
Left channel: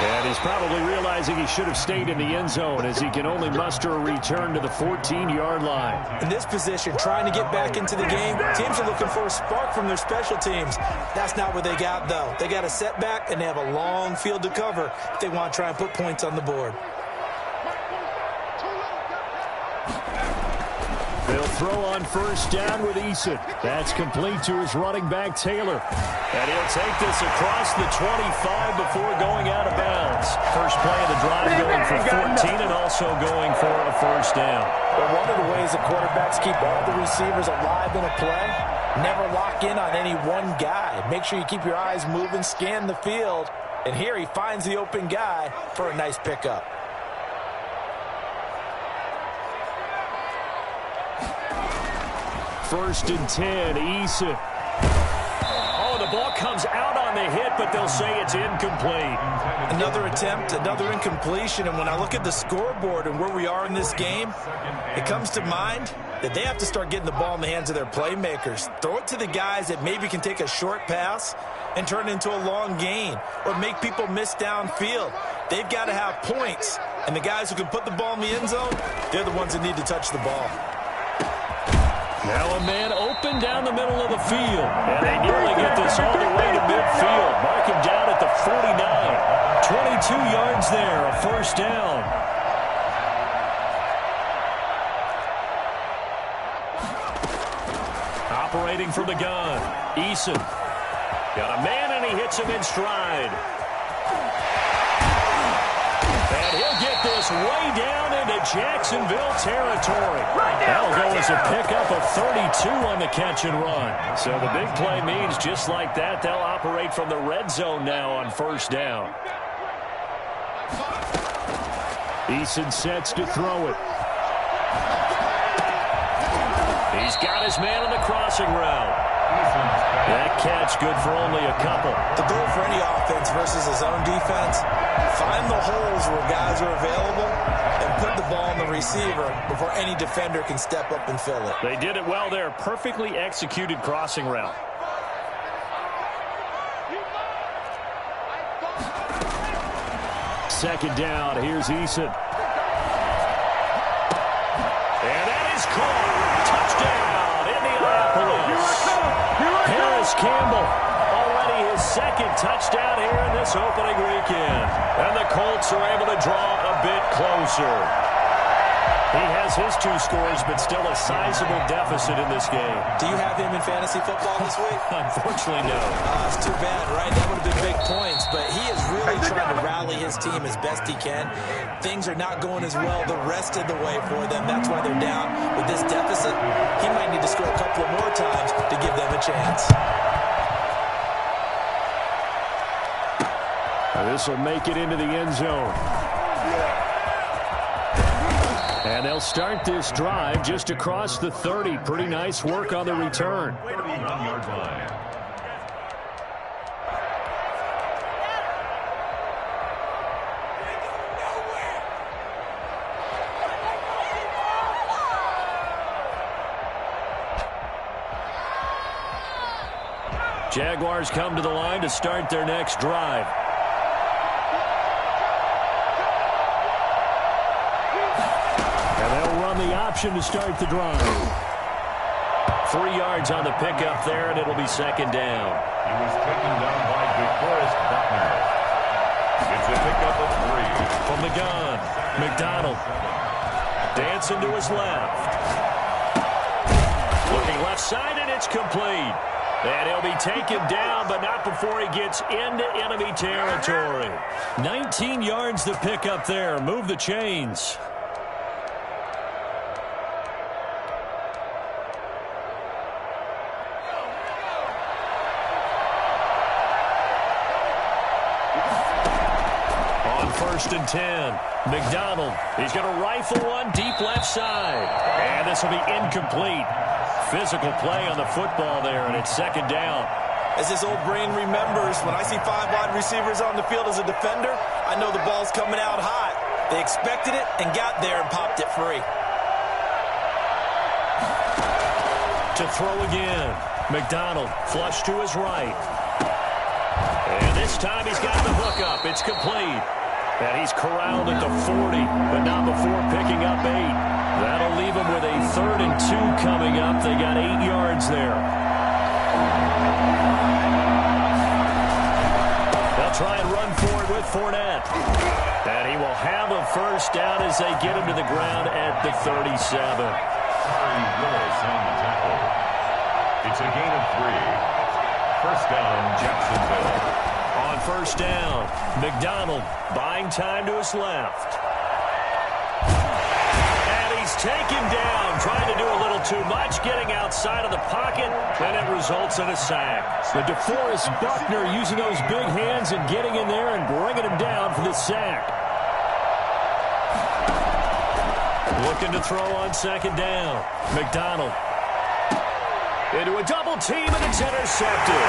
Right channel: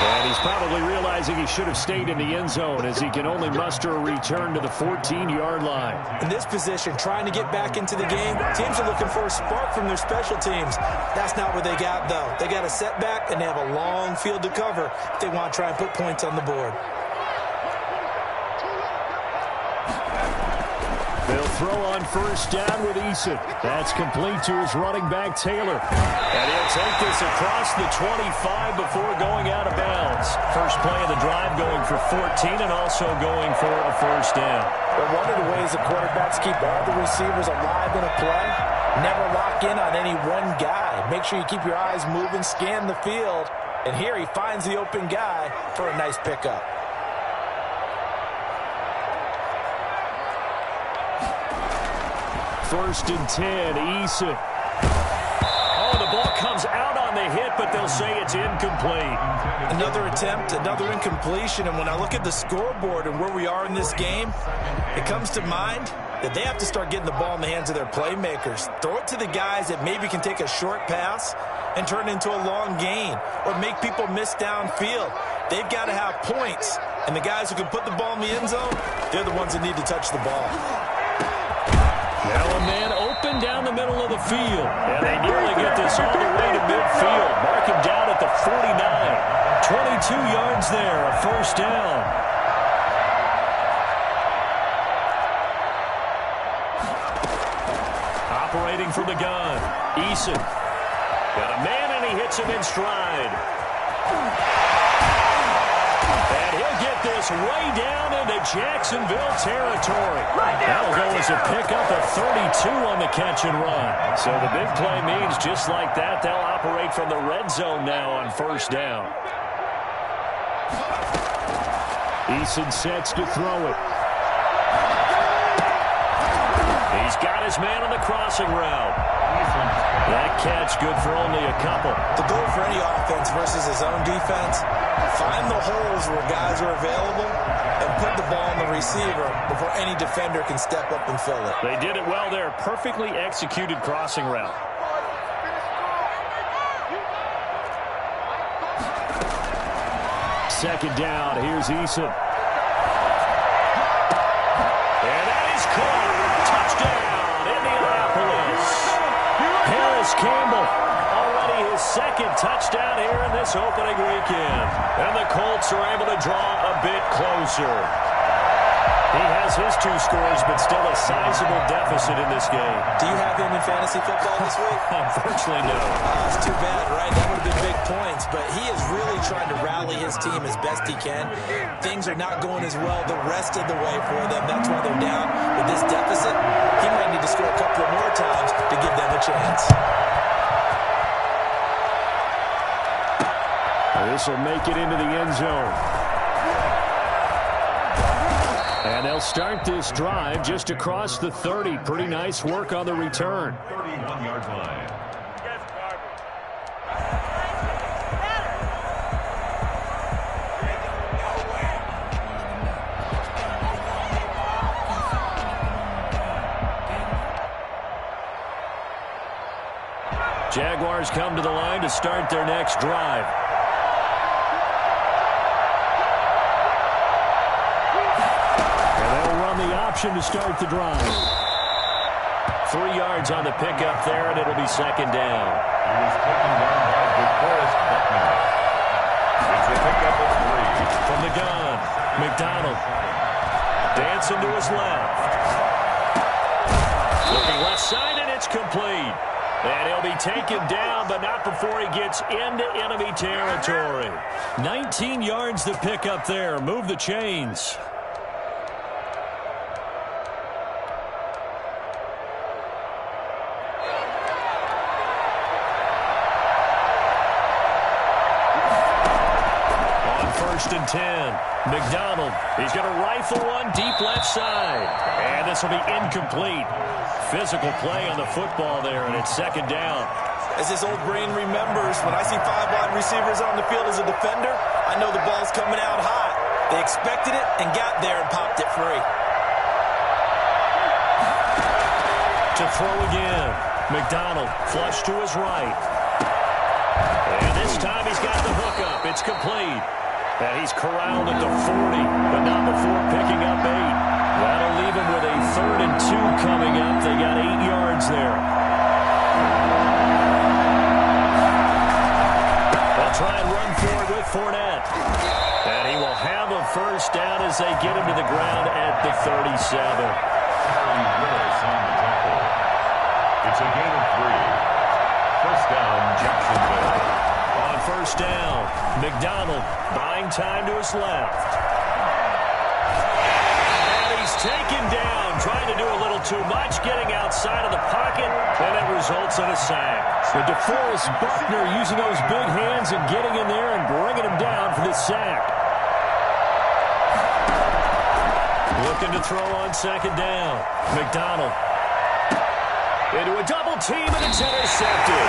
And he's probably realizing he should have stayed in the end zone as he can only muster a return to the 14-yard line. In this position, trying to get back into the game, teams are looking for a spark from their special teams. That's not what they got, though. They got a setback, and they have a long field to cover if they want to try and put points on the board. They'll throw on first down with Eason. That's complete to his running back, Taylor. And he'll take this across the 25 before going out of bounds. First play of the drive going for 14 and also going for a first down. But one of the ways the quarterbacks keep all the receivers alive in a play, never lock in on any one guy. Make sure you keep your eyes moving, scan the field. And here he finds the open guy for a nice pickup. First and 10, Eason. Oh, the ball comes out on the hit, but they'll say it's incomplete. Another attempt, another incompletion, and when I look at the scoreboard and where we are in this game, it comes to mind that they have to start getting the ball in the hands of their playmakers. Throw it to the guys that maybe can take a short pass and turn it into a long gain or make people miss downfield. They've got to have points, and the guys who can put the ball in the end zone, they're the ones that need to touch the ball. Now a man open down the middle of the field. And they nearly get this all the way to midfield. Mark him down at the 49. 22 yards there, a first down. Operating from the gun, Eason. Got a man and he hits him in stride. And he'll get this way down into Jacksonville territory. That'll go as a pickup of 32 on the catch and run. So the big play means just like that, they'll operate from the red zone now on first down. Eason sets to throw it. He's got his man on the crossing route. That catch good for only a couple. The goal for any offense versus his own defense, find the holes where guys are available and put the ball on the receiver before any defender can step up and fill it. They did it well there. Perfectly executed crossing route. Second down, here's Eason. And that is caught. Touchdown, Indianapolis. Paris Campbell, already his second touchdown here in this opening weekend. And the Colts are able to draw a bit closer. He has his 2 scores, but still a sizable deficit in this game. Do you have him in fantasy football this week? Unfortunately, no. It's too bad, right? That would have been big points, but he is really trying to rally his team as best he can. Things are not going as well the rest of the way for them. That's why they're down with this deficit. He might need to score a couple of more times to give them a chance. This will make it into the end zone. And they'll start this drive just across the 30. Pretty nice work on the return. 31-yard line. Jaguars come to the line to start their next drive. The option to start the drive. 3 yards on the pickup there, and it'll be second down. He was taken down by DeForest Buckner. It's a pickup of 3. From the gun, McDonald. Dancing to his left. Looking left side, and it's complete. And he'll be taken down, but not before he gets into enemy territory. 19 yards to pick up there. Move the chains. On 1st and 10, McDonald. He's going to rifle one deep left side. And this will be incomplete. Physical play on the football there, and it's 2nd down. As his old brain remembers, when I see 5 wide receivers on the field as a defender, I know the ball's coming out hot. They expected it and got there and popped it free. To throw again. McDonald flush to his right. And this time he's got the hook up. It's complete. And he's corralled at the 40, but not before picking up 8. That'll leave him with a 3rd and 2 coming up. They got 8 yards there. They'll try and run for it with Fournette. And he will have a 1st down as they get him to the ground at the 37. Harry Willis on the tackle. It's a gain of 3. 1st down, Jacksonville. On 1st down, McDonald buying time to his left. And he's taken down, trying to do a little too much, getting outside of the pocket, and it results in a sack. But DeForest Buckner using those big hands and getting in there and bringing him down for the sack. Looking to throw on 2nd down. McDonald into a double team, and it's intercepted.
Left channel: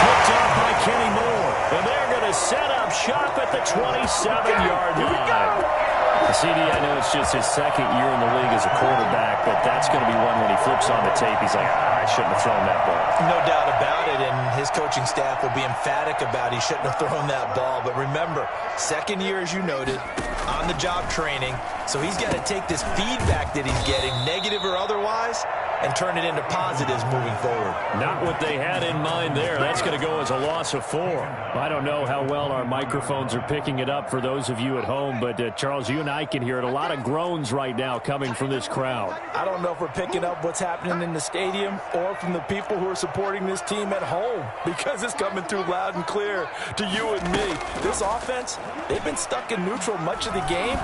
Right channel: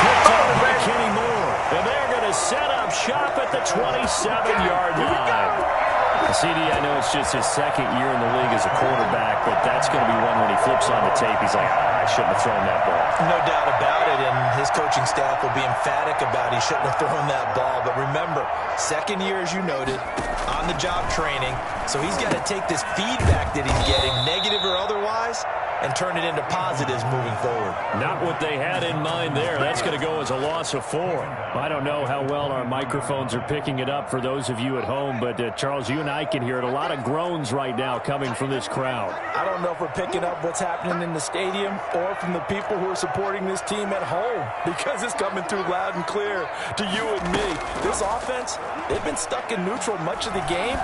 Picked up by Kenny Moore. And they're going to set up shop at the 27-yard line. CD, I know it's just his 2nd year in the league as a quarterback, but that's going to be one when he flips on the tape, he's like, I shouldn't have thrown that ball. No doubt about it, and his coaching staff will be emphatic about he shouldn't have thrown that ball. But remember, 2nd year, as you noted, on-the-job training, so he's got to take this feedback that he's getting, negative or otherwise, and turn it into positives moving forward. Not what they had in mind there. That's going to go as a loss of 4. I don't know how well our microphones are picking it up for those of you at home, but Charles, you and I can hear it. A lot of groans right now coming from this crowd. I don't know if we're picking up what's happening in the stadium or from the people who are supporting this team at home, because it's coming through loud and clear to you and me. This offense, they've been stuck in neutral much of the game,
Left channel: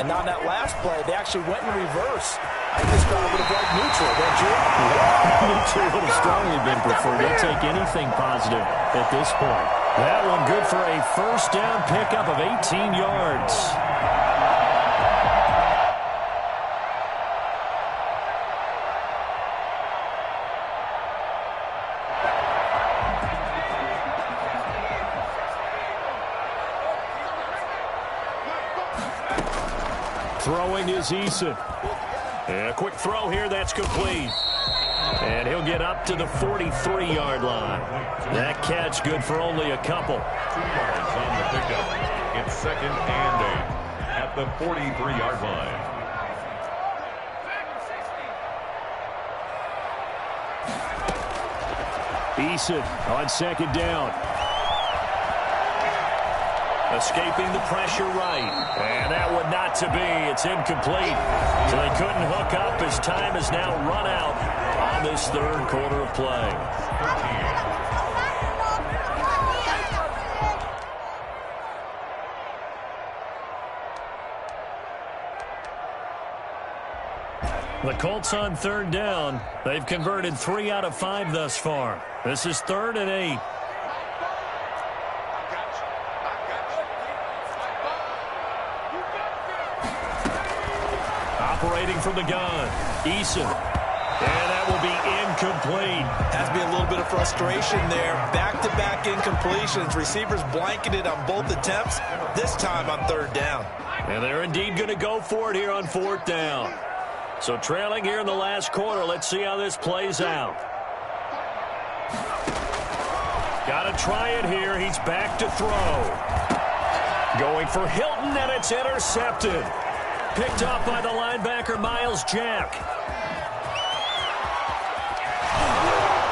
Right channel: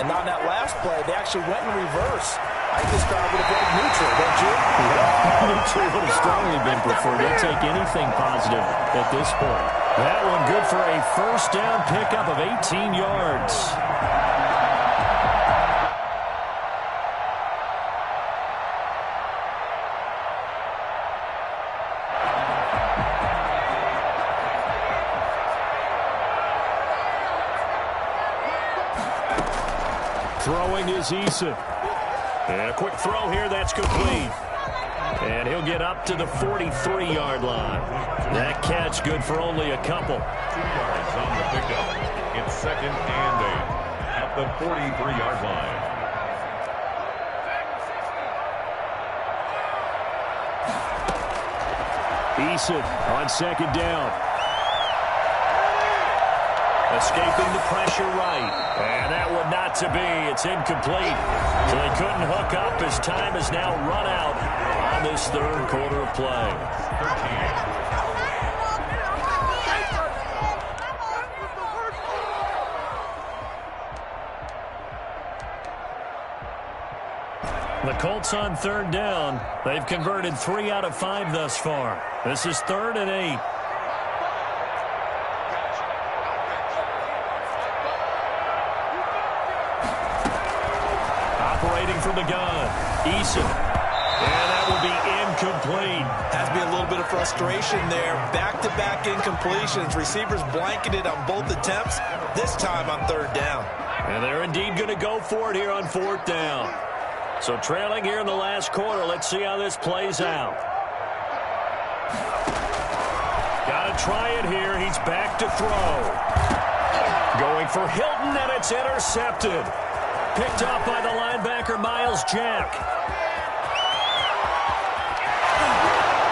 and on that last play, they actually went in reverse. I think this crowd would have liked neutral, don't you? Yeah, neutral would have strongly been preferred. They'll take anything positive at this point. That one good for a 1st down pickup of 18 yards. Throwing is Eason. And a quick throw here, that's complete. And he'll get up to the 43-yard line. That catch good for only a couple. 2 yards on the pickup. It's 2nd and 8 at the 43-yard line. Eason on 2nd down. Escaping the pressure right. And that one not to be. It's incomplete. So they couldn't hook up as time has now run out on this 3rd quarter of play. 13. The Colts on 3rd down. They've converted 3 out of 5 thus far. This is 3rd and 8. Operating from the gun, Eason. And that will be incomplete. Has to be a little bit of frustration there. Back-to-back incompletions. Receivers blanketed on both attempts, this time on 3rd down. And they're indeed going to go for it here on 4th down. So trailing here in the last quarter. Let's see how this plays out. Got to try it here. He's back to throw. Going for Hilton, and it's intercepted. Picked off by the linebacker, Miles Jack.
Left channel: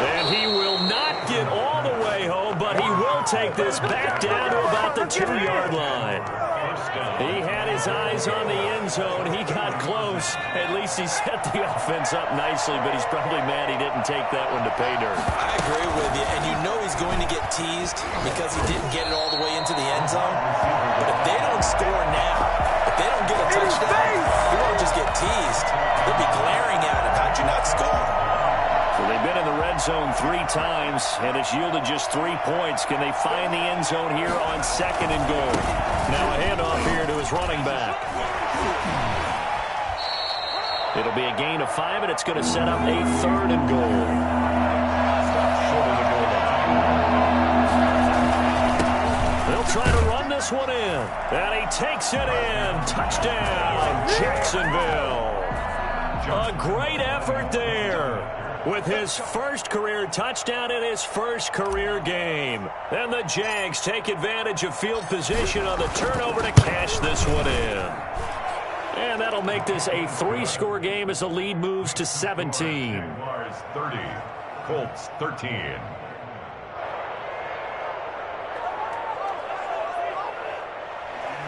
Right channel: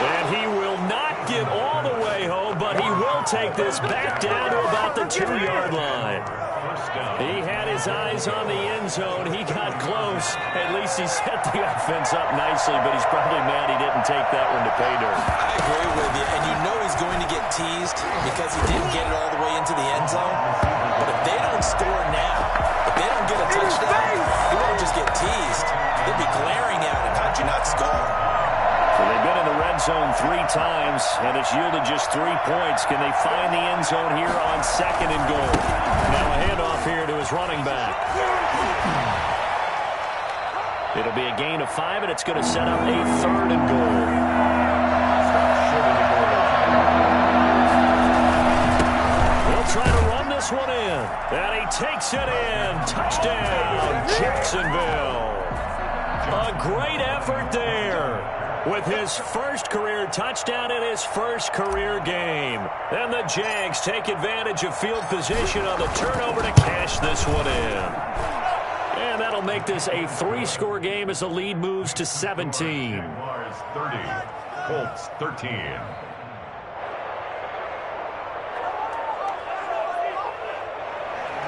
And he will not get all the way home, but he will take this back down to about the 2-yard line. First down. He had his eyes on the end zone. He got close. At least he set the offense up nicely, but he's probably mad he didn't take that one to pay dirt. I agree with you, and you know he's going to get teased because he didn't get it all the way into the end zone. But if they don't score now, if they don't get a touchdown, he won't just get teased. They'll be glaring at him. How'd you not score? So they've been in the red zone 3 times, and it's yielded just 3 points. Can they find the end zone here on 2nd and goal? Now a handoff here to his running back. It'll be a gain of 5, and it's going to set up a 3rd and goal. Short of the goal line. They'll try to run this one in, and he takes it in. Touchdown, Jacksonville. A great effort there, with his first career touchdown in his first career game. And the Jags take advantage of field position on the turnover to cash this one in. And that'll make this a 3-score game as the lead moves to 17. Jaguars 30, Colts 13.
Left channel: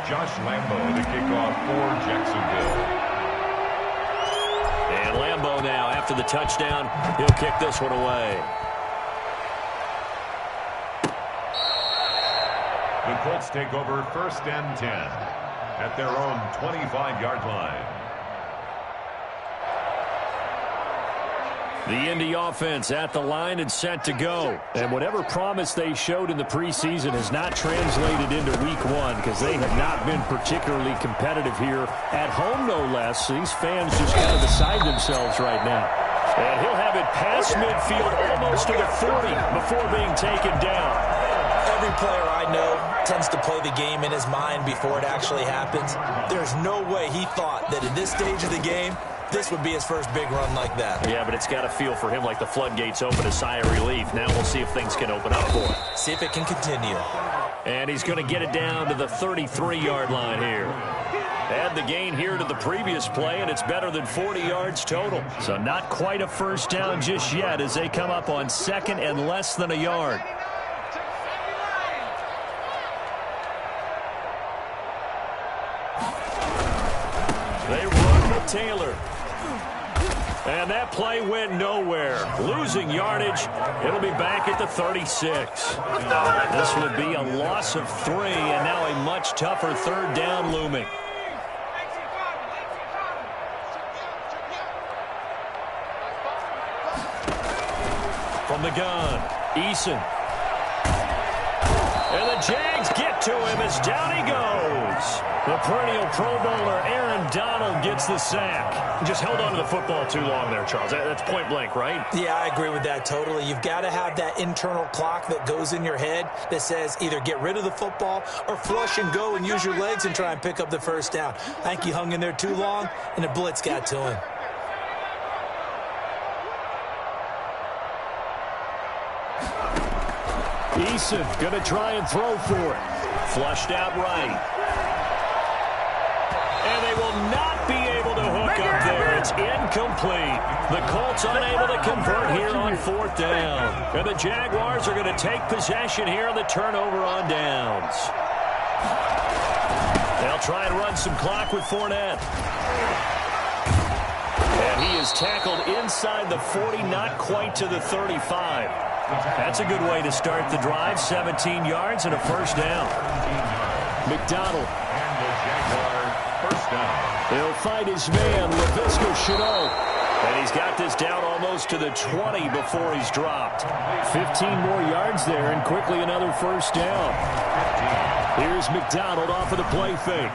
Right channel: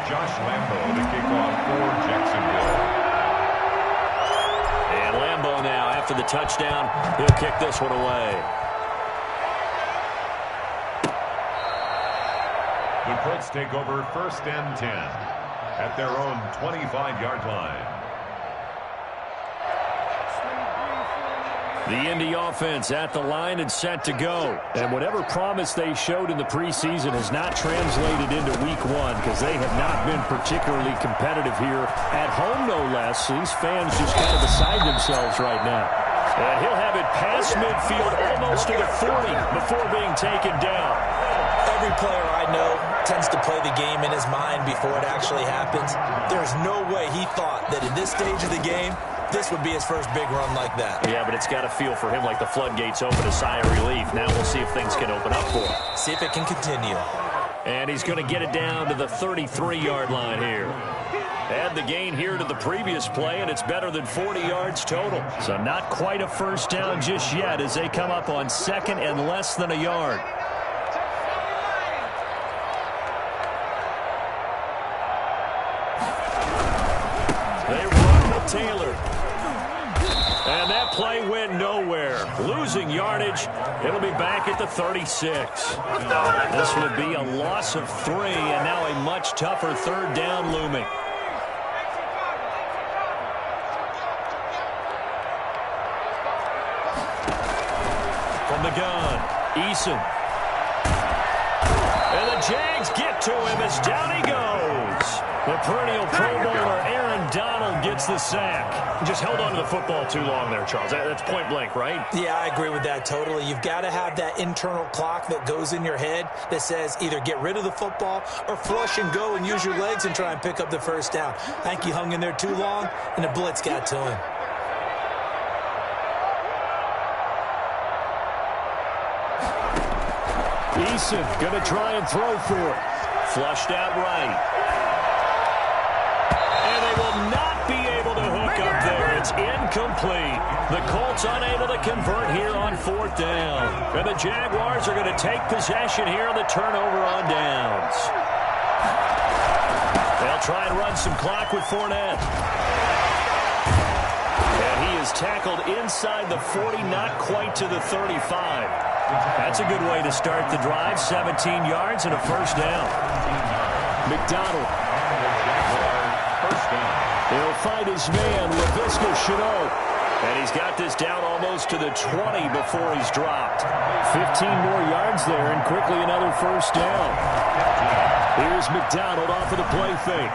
Josh Lambo to kick off for Jacksonville. And Lambo now, after the touchdown, he'll kick this one away. The Colts take over 1st and 10 at their own 25-yard line. The Indy offense at the line and set to go. And whatever promise they showed in the preseason has not translated into week 1 because they have not been particularly competitive here at home, no less. These fans just kind of beside themselves right now. And he'll have it past midfield almost to the 40 before being taken down. Every player I know tends to play the game in his mind before it actually happens. There's no way he thought that at this stage of the game, this would be his first big run like that. Yeah, but it's got to feel for him like the floodgates open, a sigh of relief. Now we'll see if things can open up for him. See if it can continue. And he's going to get it down to the 33-yard line here. Add the gain here to the previous play, and it's better than 40 yards total. So not quite a first down just yet as they come up on 2nd and less than a yard. They run with Taylor. And that play went nowhere. Losing yardage. It'll be back at the 36. This would be a loss of 3, and now a much tougher 3rd down looming. From the gun, Eason. And the Jags get to him as down he goes. The perennial Pro Bowler Aaron Donald gets the sack. Just held on to the football too long there, Charles. That's point blank, right? Yeah, I agree with that totally. You've got to have that internal clock that goes in your head that says either get rid of the football or flush and go and use your legs and try and pick up the first down. I think he hung in there too long, and the blitz got to him. Eason going to try and throw for it. Flushed out right. And they will not be able to hook up there. It's incomplete. The Colts unable to convert here on 4th down. And the Jaguars are going to take possession here on the turnover on downs. They'll try and run some clock with Fournette. And he is tackled inside the 40, not quite to the 35. That's a good way to start the drive. 17 yards and a first down. McDonald. And the Jaguar first down. He'll find his man, Laviska Shenault. And he's got this down almost to the 20 before he's dropped. 15 more yards there and quickly another first down. Here's McDonald off of the play fake.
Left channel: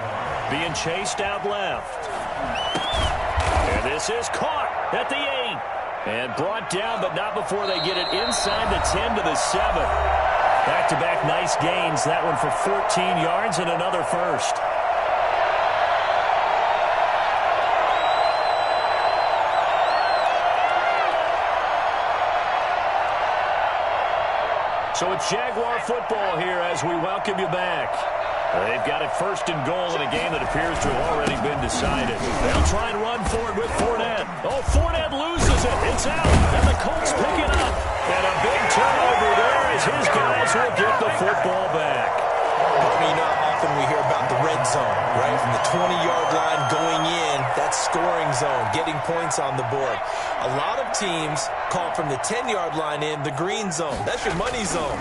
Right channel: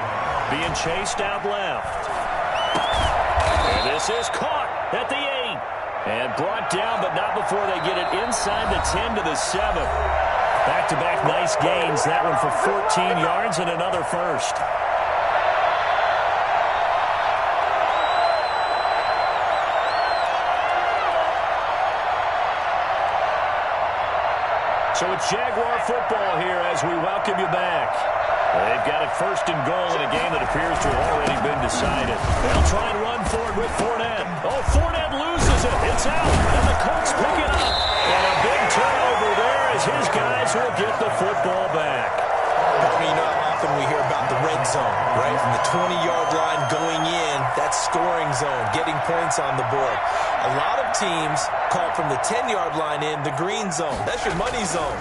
Being chased out left. And this is caught at the 8. And brought down, but not before they get it inside the 10 to the 7. Back-to-back nice gains. That one for 14 yards and another first. So it's Jaguar football here as we welcome you back. They've got it 1st and goal in a game that appears to have already been decided. They'll try and run forward with Fournette. Oh, Fournette loses it. It's out. And the Colts pick it up. And a big turnover there as his guys will get the football back. You know how often we hear about the red zone, right? From the 20-yard line going in, that's scoring zone, getting points on the board. A lot of teams call from the 10-yard line in the green zone. That's your money zone.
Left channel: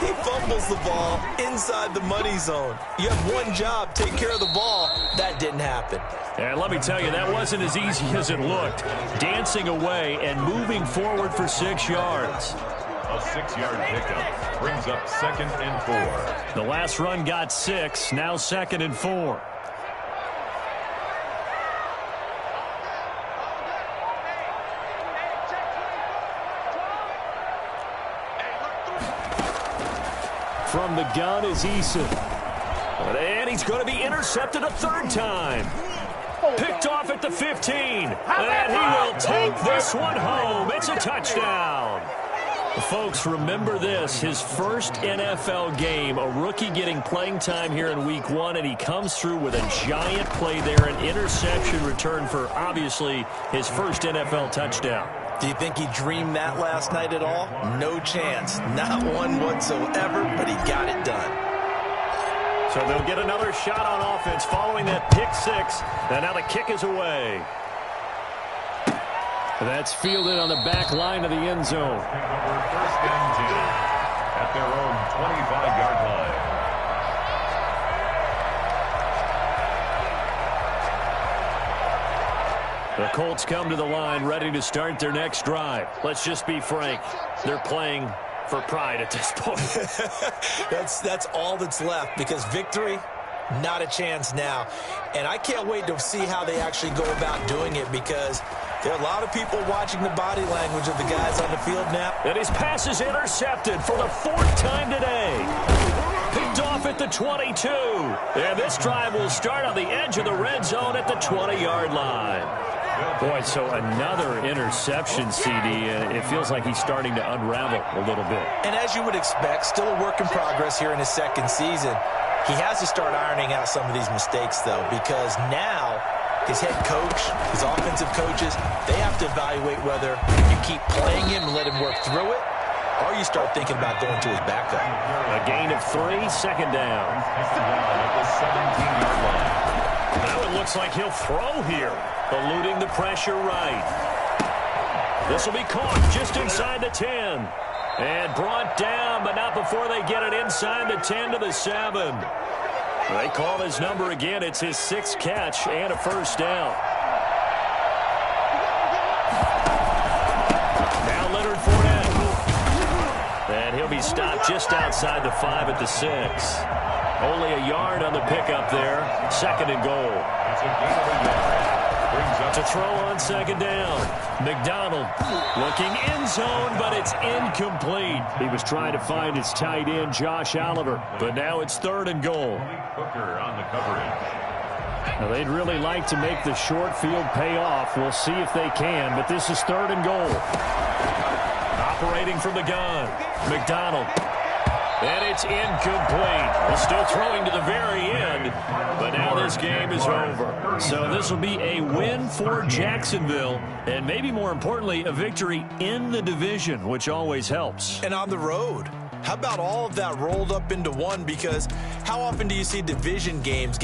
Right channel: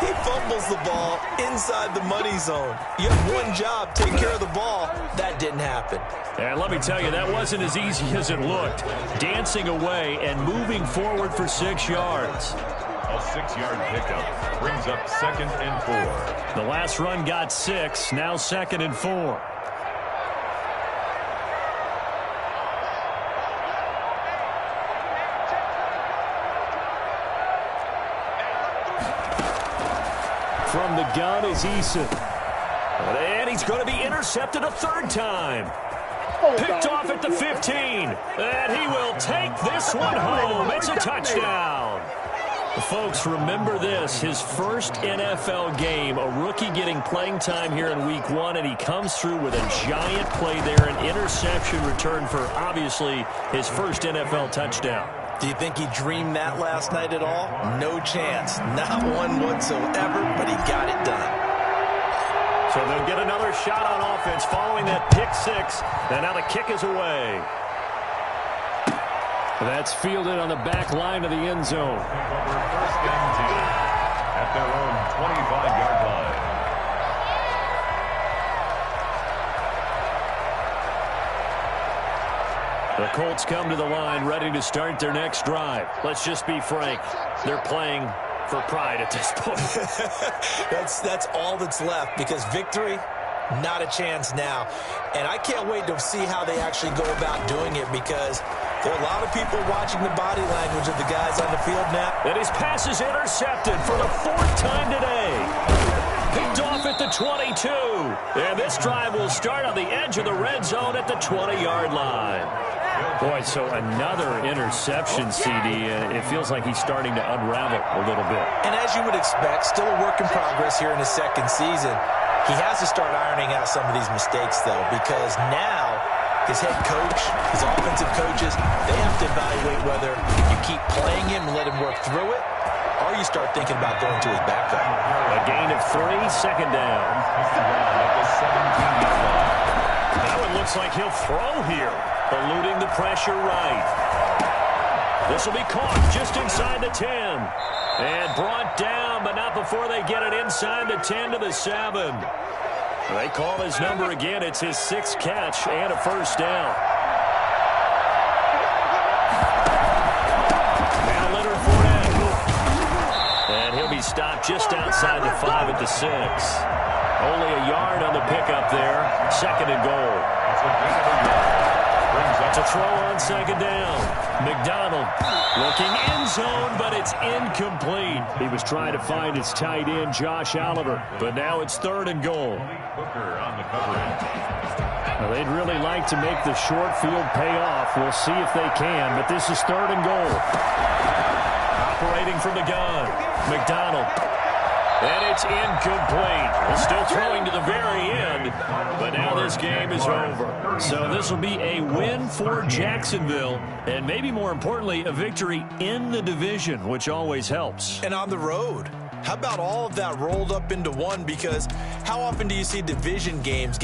He fumbles the ball inside the money zone. You have one job, take care of the ball. That didn't happen. And let me tell you, that wasn't as easy as it looked. Dancing away and moving forward for 6 yards. A 6-yard pickup brings up 2nd and 4. The last run got 6, now 2nd and 4. From the gun is Eason. And he's going to be intercepted a 3rd time. Picked off at the 15. And he will take this one home. It's a touchdown. Folks, remember this. His first NFL game, a rookie getting playing time here in week 1, and he comes through with a giant play there, an interception return for, obviously, his first NFL touchdown. Do you think he dreamed that last night at all? No chance. Not one whatsoever, but he got it done. So they'll get another shot on offense following that pick 6, and now the kick is away. That's fielded on the back line of the end zone. Take over 1st and 10 at their own 25-yard line. The Colts come to the line ready to start their next drive. Let's just be frank. They're playing for pride at this point. That's all that's left, because victory, not a chance now. And I can't wait to see how they actually go about doing it, because there are a lot of people watching the body language of the guys on the field now. And his pass is intercepted for the 4th time today. Picked off at the 22. And this drive will start on the edge of the red zone at the 20-yard line. Boy, so another interception, CD. It feels like he's starting to unravel a little bit. And as you would expect, still a work in progress here in his 2nd season. He has to start ironing out some of these mistakes, though, because now his head coach, his offensive coaches, they have to evaluate whether you keep playing him and let him work through it, or you start thinking about going to his backup. A gain of 3, 2nd down. At the 17-yard line. Now it looks like he'll throw here, eluding the pressure right. This will be caught just inside the 10. And brought down, but not before they get it inside the 10 to the 7. They call his number again. It's his 6th catch and a 1st down. Now Leonard Fournette. And he'll be stopped just outside the 5 at the 6. Only a yard on the pickup there. 2nd and goal. It's a gain of a yard. Brings up To throw on 2nd down. McDonald looking end zone, but it's incomplete. He was trying to find his tight end, Josh Oliver, but now it's 3rd and goal. Hooker on the coverage. Now, they'd really like to make the short field pay off. We'll see if they can, but this is 3rd and goal. Operating from the gun, McDonald. And it's incomplete. Still throwing to the very end, but now this game is over. So this will be a win for Jacksonville, and maybe more importantly, a victory in the division, which always helps. And on the road. How about all of that rolled up into one? Because how often do you see division games